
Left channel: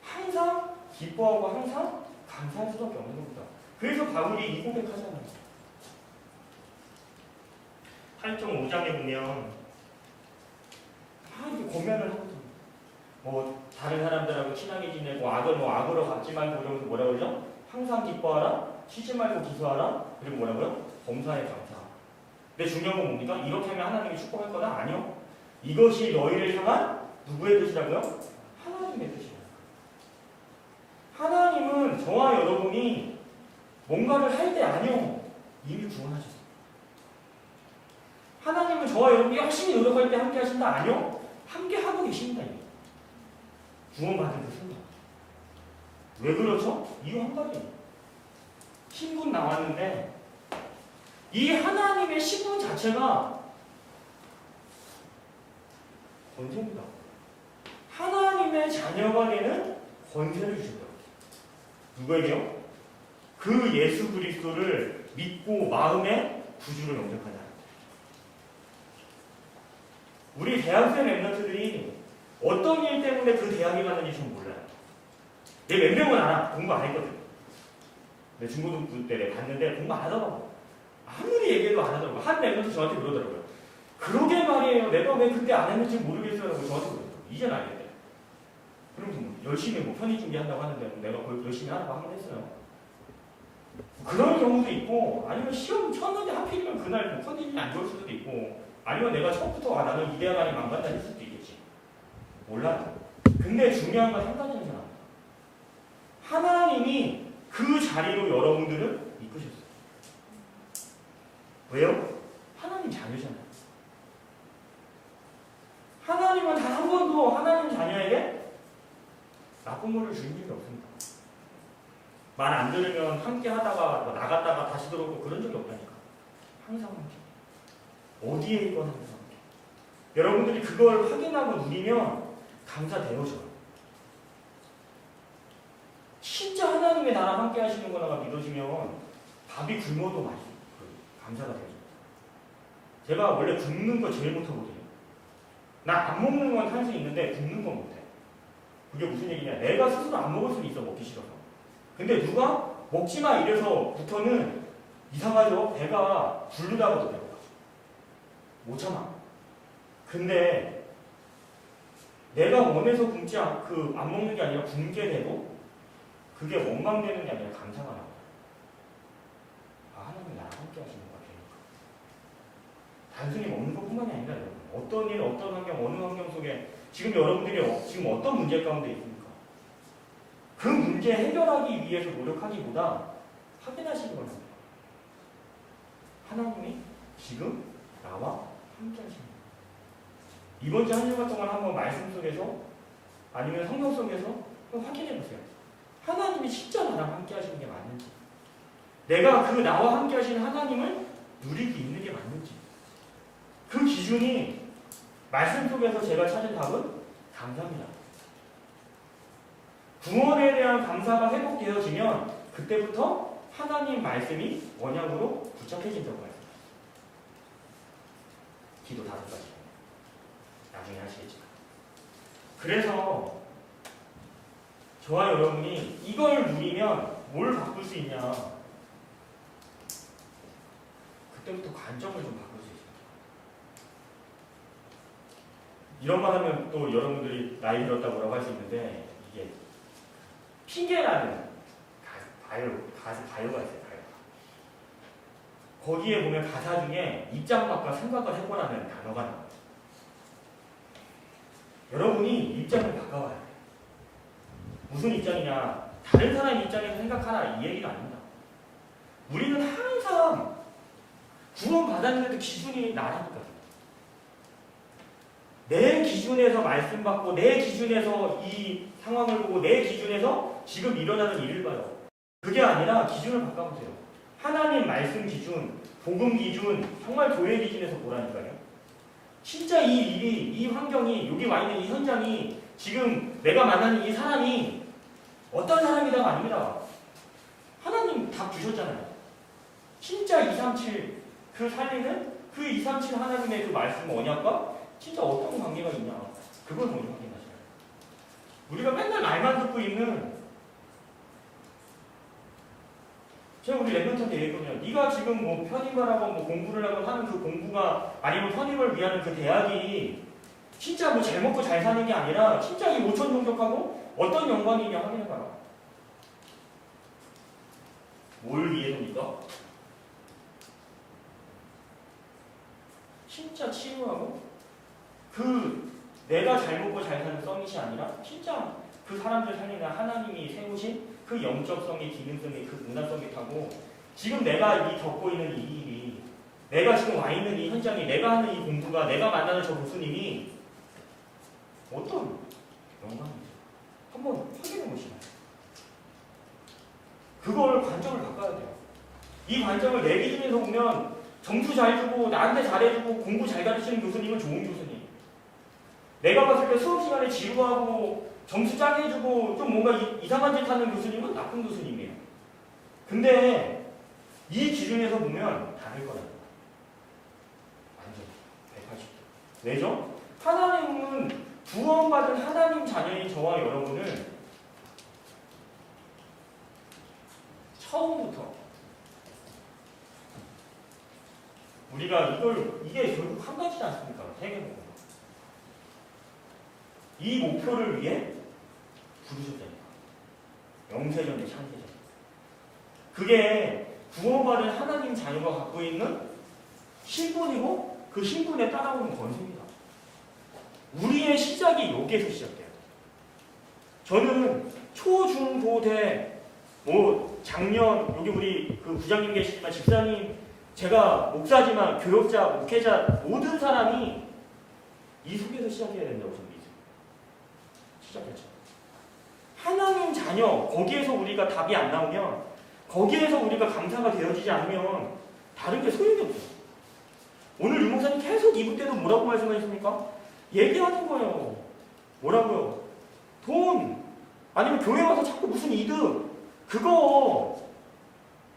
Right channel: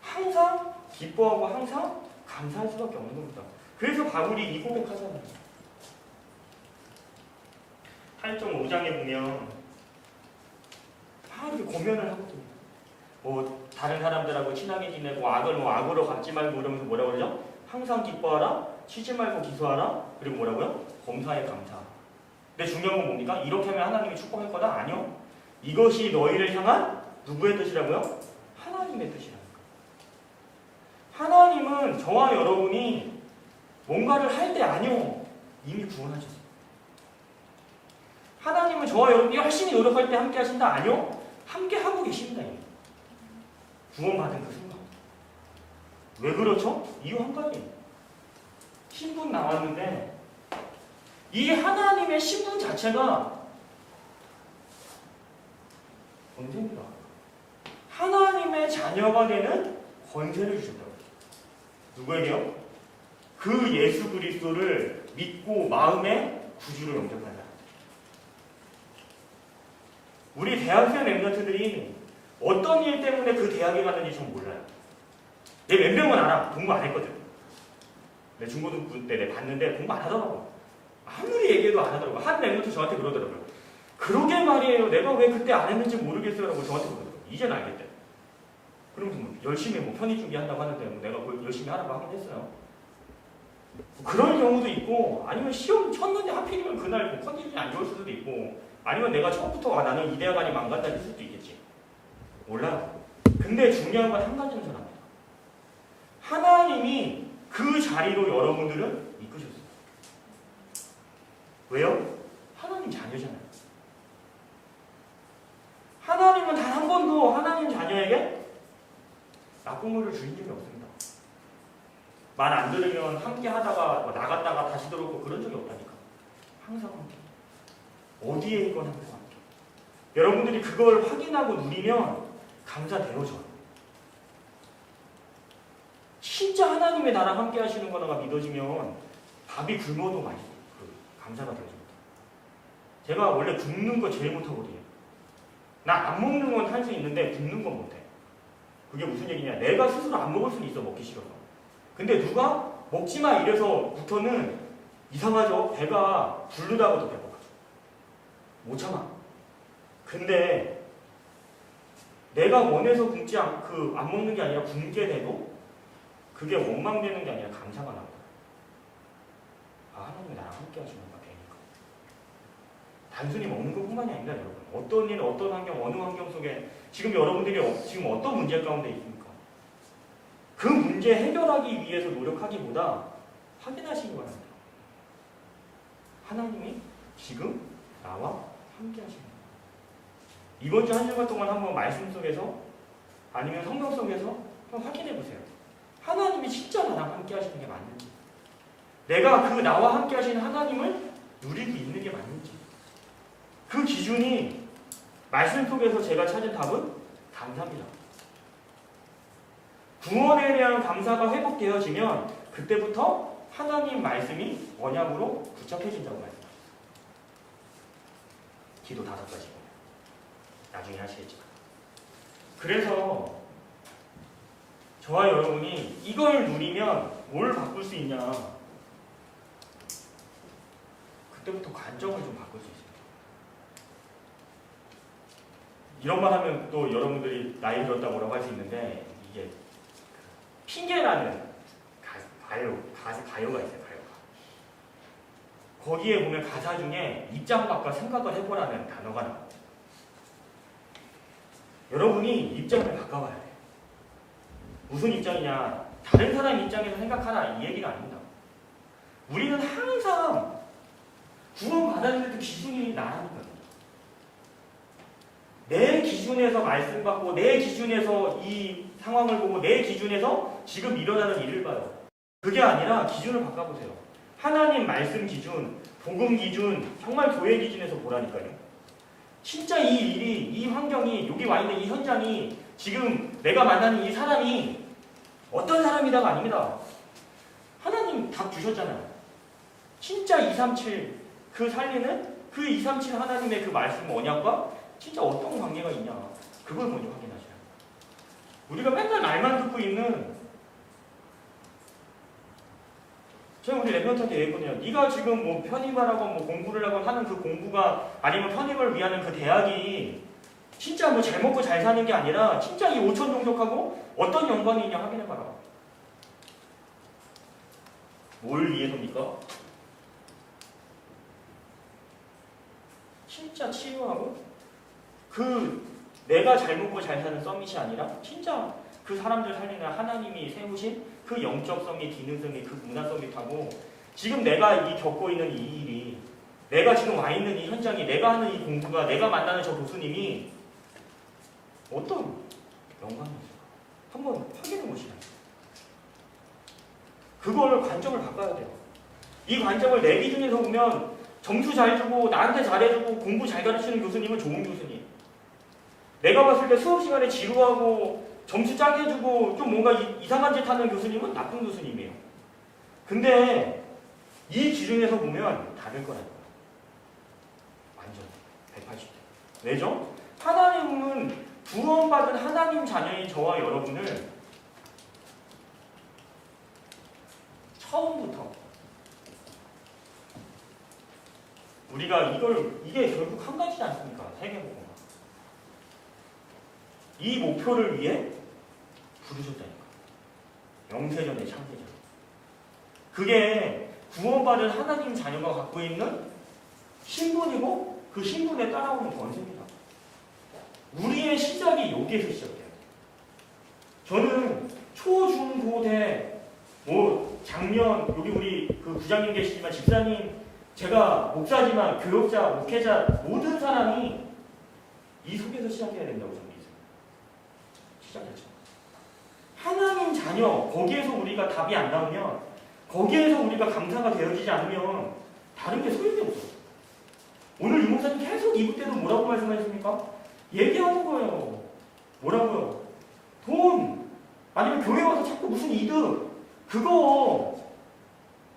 항상 기뻐하고 항상 감사할 수밖에 없는 겁니다. 그래서 바울이 이 고백하잖아요. 8.5장에 보면 이렇게 고면을 하거든요. 뭐 다른 사람들하고 친하게 지내고 악을 뭐 악으로 갚지 말고 이러면서 뭐라고 그러죠? 항상 기뻐하라, 쉬지 말고 기도하라, 그리고 뭐라고요? 범사에 감사하라. 근데 중요한 건 뭡니까? 이렇게 하면 하나님이 축복할 거다? 아니요. 이것이 너희를 향한 누구의 뜻이라고요? 하나님의 뜻이라니까. 하나님은 저와 여러분이 뭔가를 할 때 아니요. 이미 구원하셨어요. 하나님은 저와 여러분이 열심히 노력할 때 함께 하신다? 아니요. 함께 하고 계십니다. 이미. 구원받은 그 순간. 왜 그렇죠? 이유 한 가지. 신분 나왔는데 이 하나님의 신분 자체가 권세입니다. 하나님의 자녀가 되는 권세를 주셨다고. 누구에게요? 그 예수 그리스도를 믿고 마음의 구주로 영접하는 사람. 우리 대학생 랩런트들이 어떤 일 때문에 그 대학에 갔는지 전 몰라요. 내 몇 명은 알아. 공부 안 했거든. 내 중고등부 때 내가 봤는데 공부 안 하더라고. 아무리 얘기해도 안 하더라고. 한 랩런트 저한테 그러더라고요. 그러게 말이에요. 내가 왜 그때 안 했는지 모르겠어요. 라고 저한테 그러더라고요. 이제는 알겠대. 그러면서 뭐 열심히 뭐 편의 준비한다고 하는데 내가 그걸 열심히 하라고 하긴 했어요. 그런 경우도 있고, 아니면 시험 쳤는데 하필이면 그날 뭐 컨디션이 안 좋을 수도 있고, 아니면 내가 처음부터 나는 이 대학 아니면 안 간다 했을 수도 있겠지. 몰라요. 근데 중요한 건 한 가지는 전 압니다. 하나님이 그 자리로 여러분들을 이끄셨어요. 왜요? 하나님 자녀잖아요. 하나님은 단 한 번도 하나님 자녀에게 나쁜 것을 주신 적이 없습니다. 말 안 들으면 함께 하다가 뭐 나갔다가 다시 들어오고 그런 적이 없다니까. 항상 함께. 어디에 있건 항상 함께. 여러분들이 그걸 확인하고 누리면 감사되어져요. 진짜 하나님의 나랑 함께 하시는 거가 믿어지면 밥이 굶어도 맛있어요. 감사가 되어집니다. 제가 원래 굶는 거 제일 못하거든요. 나 안 먹는 건 할 수 있는데 굶는 건 못해. 그게 무슨 얘기냐? 내가 스스로 안 먹을 수는 있어, 먹기 싫어서. 근데 누가 먹지 마 이래서부터는 이상하죠? 배가 부르다가도 배고파져. 못 참아. 근데 내가 원해서 굶지 안 먹는 게 아니라 굶게 돼도 그게 원망되는 게 아니라 감사가 나거든. 아, 하나님이 나랑 함께 하시는 거야, 되니까. 단순히 먹는 것뿐만이 아니라 여러분. 어떤 일, 어떤 환경, 어느 환경 속에 지금 여러분들이 지금 어떤 문제 가운데 있습니까? 그 문제 해결하기 위해서 노력하기보다 확인하시기 바랍니다. 하나님이 지금 나와 함께 하시는 거예요. 이번 주 한 주간 동안 한번 말씀 속에서 아니면 성경 속에서 한번 확인해 보세요. 하나님이 진짜 나랑 함께 하시는 게 맞는지, 내가 그 나와 함께 하시는 하나님을 누리고 있는 게 맞는지, 그 기준이 말씀 속에서 제가 찾은 답은 감사입니다. 구원에 대한 감사가 회복되어지면 그때부터 하나님 말씀이 언약으로 구착해진다고 합니다. 기도 5가지 나중에 하시겠지만. 그래서 저와 여러분이 이걸 누리면 뭘 바꿀 수 있냐? 그때부터 관점을 좀 바꿀 수 있습니다. 이런 말 하면 또 여러분들이 나이 들었다 뭐라고 할 수 있는데, 이게 핑계라는 가요가 있어요. 가요가. 거기에 보면 가사 중에 입장 바꿔 생각을 해보라는 단어가 나와요. 여러분이 입장을 바꿔봐야 돼요. 무슨 입장이냐? 다른 사람 입장에서 생각하라 이 얘기가 아닙니다. 우리는 항상 구원 받았는데도 기준이 나라니까요. 내 기준에서 말씀 받고 내 기준에서 이 상황을 보고 내 기준에서 지금 일어나는 일을 봐요. 그게 아니라 기준을 바꿔보세요. 하나님 말씀 기준, 복음 기준, 정말 교회 기준에서 보라니까요. 진짜 이 일이, 이 환경이, 여기 와 있는 이 현장이, 지금 내가 만나는 이 사람이 어떤 사람이다가 아닙니다. 하나님 답 주셨잖아요. 진짜 237 그 살리는 그 237 하나님의 그 말씀 언약과 진짜 어떤 관계가 있냐, 그걸 먼저 확인하셔야 돼요. 우리가 맨날 말만 듣고 있는, 제가 우리 랩런트한테 얘기했거든요. 네가 지금 뭐 편입을 하고 뭐 공부를 하고 하는 그 공부가, 아니면 편입을 위한 그 대학이 진짜 뭐 잘 먹고 잘 사는 게 아니라 진짜 이 5천 종족하고 어떤 연관이 있냐 확인해봐라. 뭘 위해서입니까? 진짜 치유하고 그 내가 잘 먹고 잘 사는 서밋이 아니라 진짜 그 사람들 살리는 하나님이 세우신 그 영적 서밋, 기능 서밋, 그 문화 서밋하고 지금 내가 겪고 있는 이 일이, 내가 지금 와 있는 이 현장이, 내가 하는 이 공부가, 내가 만나는 저 교수님이 어떤 연관이 있을까? 한번 확인해 보시나요? 그걸 관점을 바꿔야 돼요. 이 관점을 내 기준에서 보면 점수 잘 주고 나한테 잘해주고 공부 잘 가르치는 교수님은 좋은 교수님, 내가 봤을 때 수업 시간에 지루하고 점수 짜게 해주고 좀 뭔가 이상한 짓 하는 교수님은 나쁜 교수님이에요. 근데 이 기준에서 보면 다를 거라고요. 완전 180도. 왜죠? 하나님은 구원받은 하나님 자녀인 저와 여러분을 처음부터 우리가 이게 결국 한 가지지 않습니까? 세계복음. 이 목표를 위해 부르셨다니까. 영세전에 창세전. 그게 구원받은 하나님 자녀가 갖고 있는 신분이고 그 신분에 따라오는 권세입니다. 우리의 시작이 여기에서 시작돼요. 저는 초, 중, 고, 대, 뭐 작년 여기 우리 그 부장님 계시지만 집사님, 제가 목사지만 교역자, 목회자 모든 사람이 이 속에서 시작해야 된다고 저는 믿어요. 시작했죠. 하나님 자녀, 거기에서 우리가 답이 안 나오면, 거기에서 우리가 감사가 되어지지 않으면 다른 게 소용이 없어요. 오늘 유 목사님 계속 이부 때도 뭐라고 말씀하셨습니까? 얘기하는 거예요. 뭐라고요? 돈, 아니면 교회 와서 자꾸 무슨 이득, 그거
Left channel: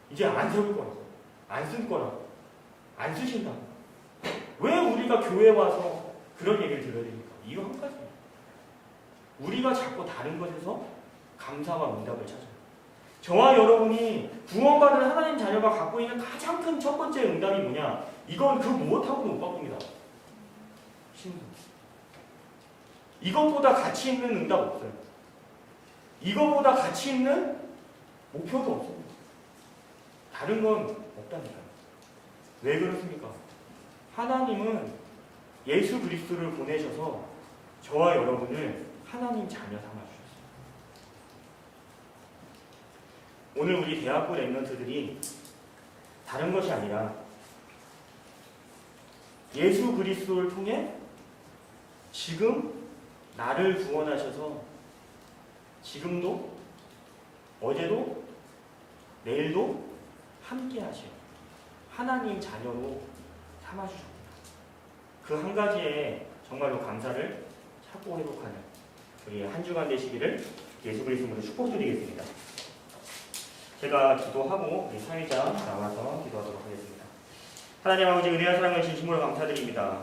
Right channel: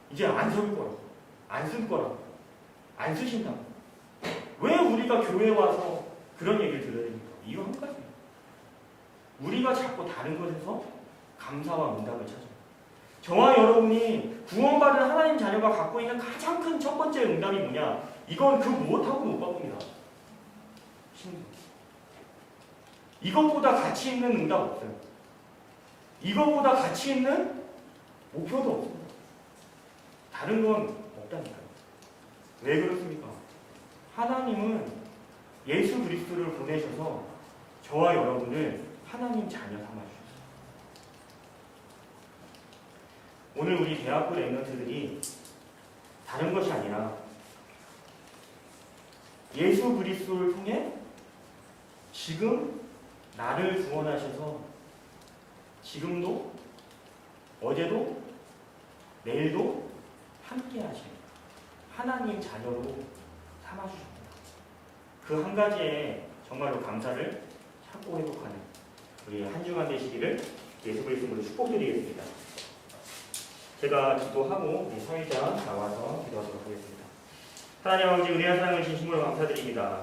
이제 안 세울 거라, 안 쓸 거라, 안 쓰신다. 왜 우리가 교회 와서 그런 얘기를 들어야 됩니까? 이유 한 가지예요. 우리가 자꾸 다른 것에서 감사와 응답을 찾아요. 저와 여러분이 구원받은 하나님 자녀가 갖고 있는 가장 큰 첫 번째 응답이 뭐냐? 이건 그 무엇하고도 못 바꿉니다. 신분. 이것보다 가치 있는 응답 없어요. 이것보다 가치 있는 목표도 없습니다. 다른 건 없다니까요. 왜 그렇습니까? 하나님은 예수 그리스도를 보내셔서 저와 여러분을 하나님 자녀 삼아주셨어요. 오늘 우리 대학부 랩런트들이 다른 것이 아니라 예수 그리스도를 통해 지금 나를 구원하셔서 지금도 어제도 내일도 함께 하신 하나님 자녀로 삼아주셨구나. 그 한 가지에 정말로 감사를 찾고 회복하는 우리 한 주간 되시기를 예수 그리스도로 축복드리겠습니다. 제가 기도하고 우리 사회자 나와서 기도하도록 하겠습니다. 하나님 아버지, 은혜와 사랑을 진심으로 감사드립니다.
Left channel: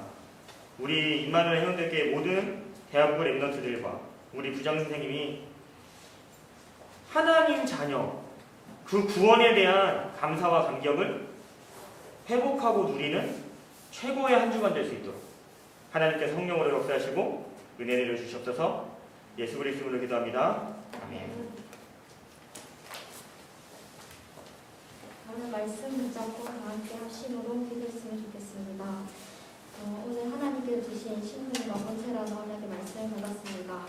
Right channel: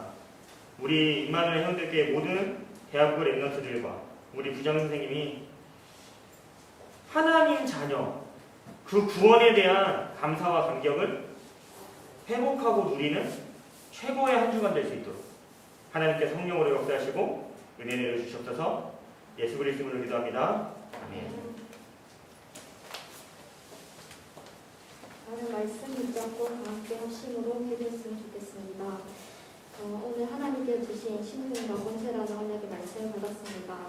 우리 임마누엘 회원들께 모든 대학부 랩런트들과 우리 부장 선생님이 하나님 자녀, 그 구원에 대한 감사와 감격을 회복하고 누리는 최고의 한 주간 될 수 있도록 하나님께서 성령으로 역사하시고 은혜 내려주시옵소서. 예수 그리스도로 기도합니다. 아멘. 나는 말씀 붙잡고 다 함께 합심으로 기도했으면 좋겠습니다. 오늘 하나님께서 주신 신분과 권세라는 언약의 말씀을 받았습니다.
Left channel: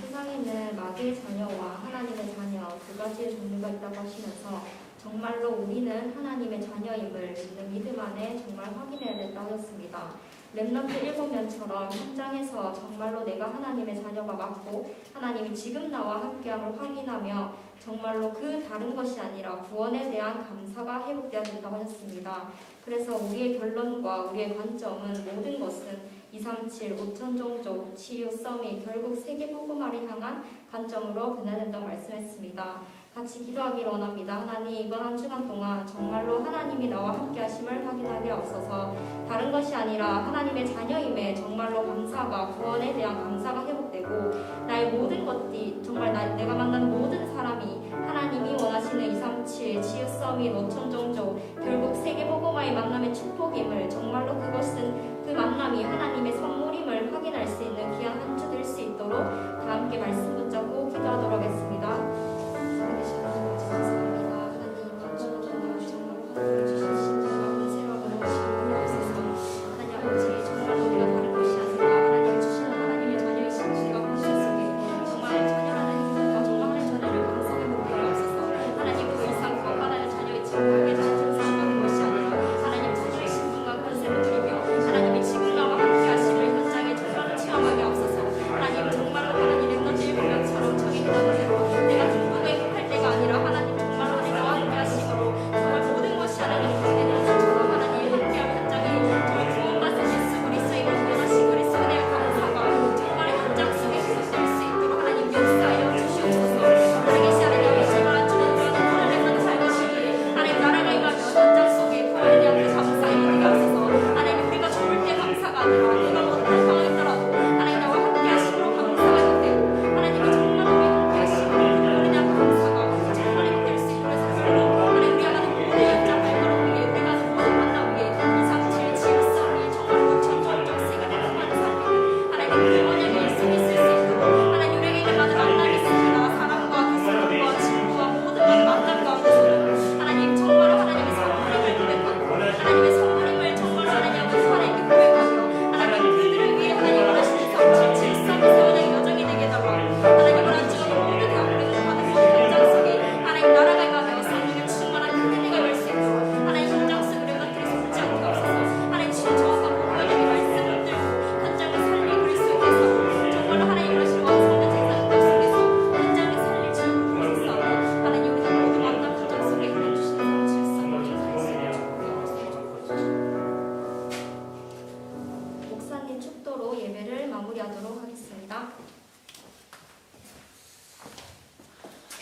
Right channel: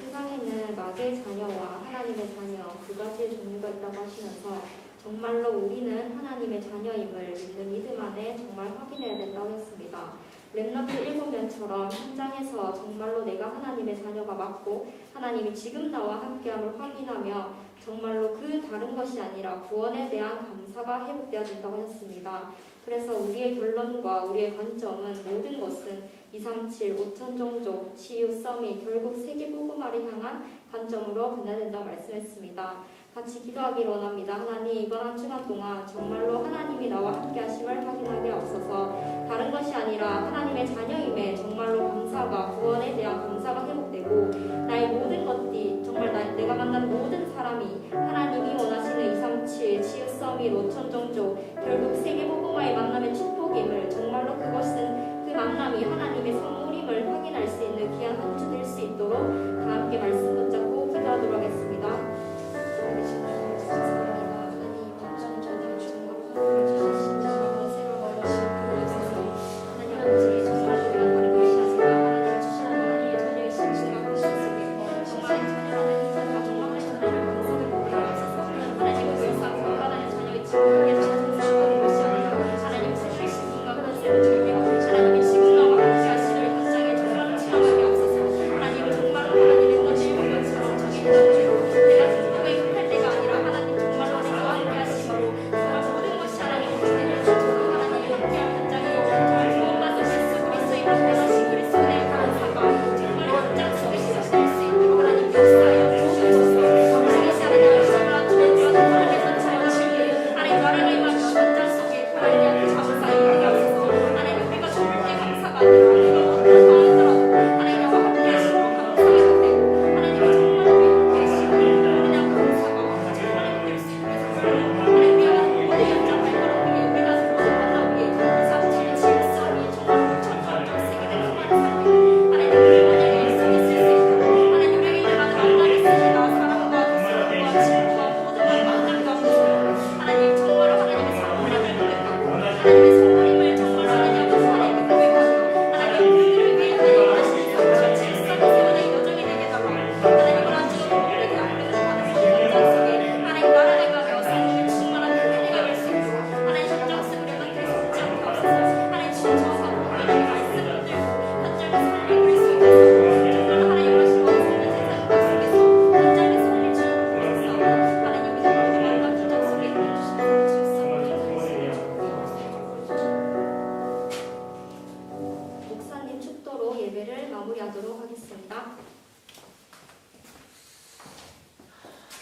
세상에는 마귀의 자녀와 하나님의 자녀 두 가지의 종류가 있다고 하시면서 정말로 우리는 하나님의 자녀임을 믿는 믿음 안에 정말 확인해야 된다고 하셨습니다. 렘넌트 7명처럼 현장에서 정말로 내가 하나님의 자녀가 맞고 하나님이 지금 나와 함께함을 확인하며 정말로 그 다른 것이 아니라 구원에 대한 감사가 회복되어야 된다고 하셨습니다. 그래서 우리의 결론과 우리의 관점은 모든 것은 237, 5천 종족, 치유, 썸이 결국 세계복음화를 향한 관점으로 변해야 된다고 말씀했습니다. 같이 기도하기를 원합니다. 하나님, 이번 한 주간 동안 정말로 하나님이 나와 함께 하심을 확인하게 하옵소서. 다른 것이 아니라 하나님의 자녀임에 정말로 감사가, 구원에 대한 감사가 회복되고 나의 모든 것들이 정말 내가 만나는 모든 사람이 하나님이 원하시는 237, 치유, 서밋, 5천 종족 결국 세계복음화의 만남의 축복임을 정말로 그것은 그 만남이 하나님의 선물임을 확인할 수 있는 귀한 한 주 될 수 있도록 다 함께 말씀 붙잡고 기도하도록 하겠습니다. 살아계신 하나님 감사합니다. 하나님 한 주는 정말 하나님을 주신 신분과 권세와 너무하시고 주셔서 하나님 아버지 정말로 우리가 다른 것이 아니라 하나님을 주시는 하나님의 자녀의 신분과 권세 속에 정말 하나님 자녀라는 힘과 정말 하나님 자녀를 감사하게 되게 하옵소서. 하나님 더 이상 구원받는 자녀의 지옥하게 생각하는 것이 아니라 하나님 자녀의 신분과 권세를 누리며 하나님이 지금 나와 함께 하심을 현장에 정말로 체험하게 하옵소서. 하나님 정말로 하나님 렘넌트 7명처럼 정의 해당되고 내가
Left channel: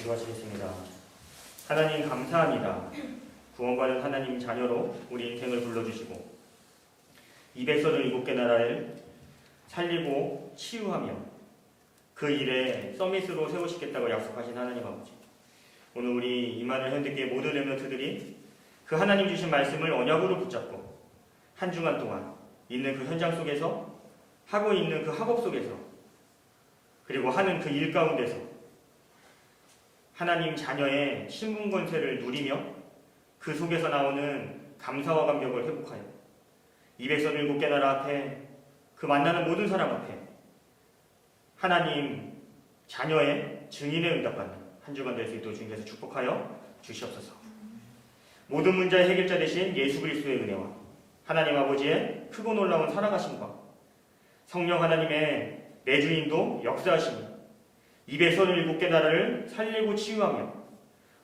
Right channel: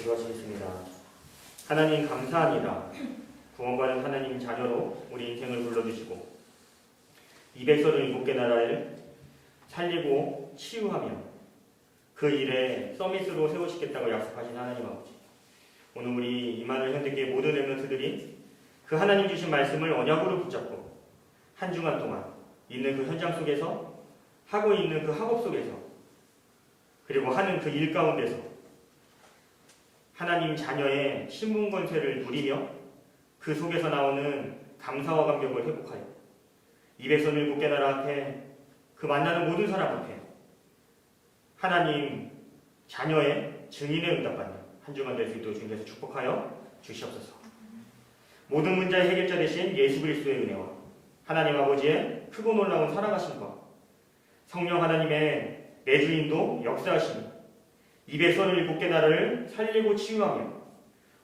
기도하시겠습니다. 하나님 감사합니다. 구원받은 하나님 자녀로 우리 인생을 불러주시고 237개 나라를 살리고 치유하며 그 일에 서밋으로 세우시겠다고 약속하신 하나님 아버지, 오늘 우리 이마누엘 현대교회 모든 렘넌트들이 그 하나님 주신 말씀을 언약으로 붙잡고 한 주간 동안 있는 그 현장 속에서 하고 있는 그 학업 속에서 그리고 하는 그 일 가운데서 하나님 자녀의 신분 권세를 누리며 그 속에서 나오는 감사와 감격을 회복하여 237개 나라 앞에 그 만나는 모든 사람 앞에 하나님 자녀의 증인의 응답받는 한 주간 될 수 있도록 주님께서 축복하여 주시옵소서. 모든 문제의 해결자 되신 예수 그리스도의 은혜와 하나님 아버지의 크고 놀라운 사랑하심과 성령 하나님의 내주인도 역사하시며 237개 나라를 살리고 치유하며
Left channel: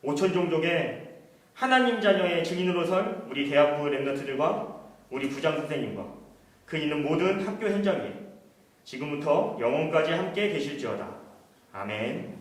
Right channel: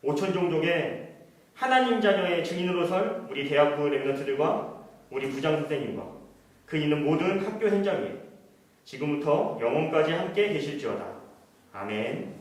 5천 종족의 하나님 자녀의 증인으로 설 우리 대학부 렘넌트들과 우리 부장 선생님과 그 있는 모든 학교 현장 위에 지금부터 영원까지 함께 계실지어다. 아멘.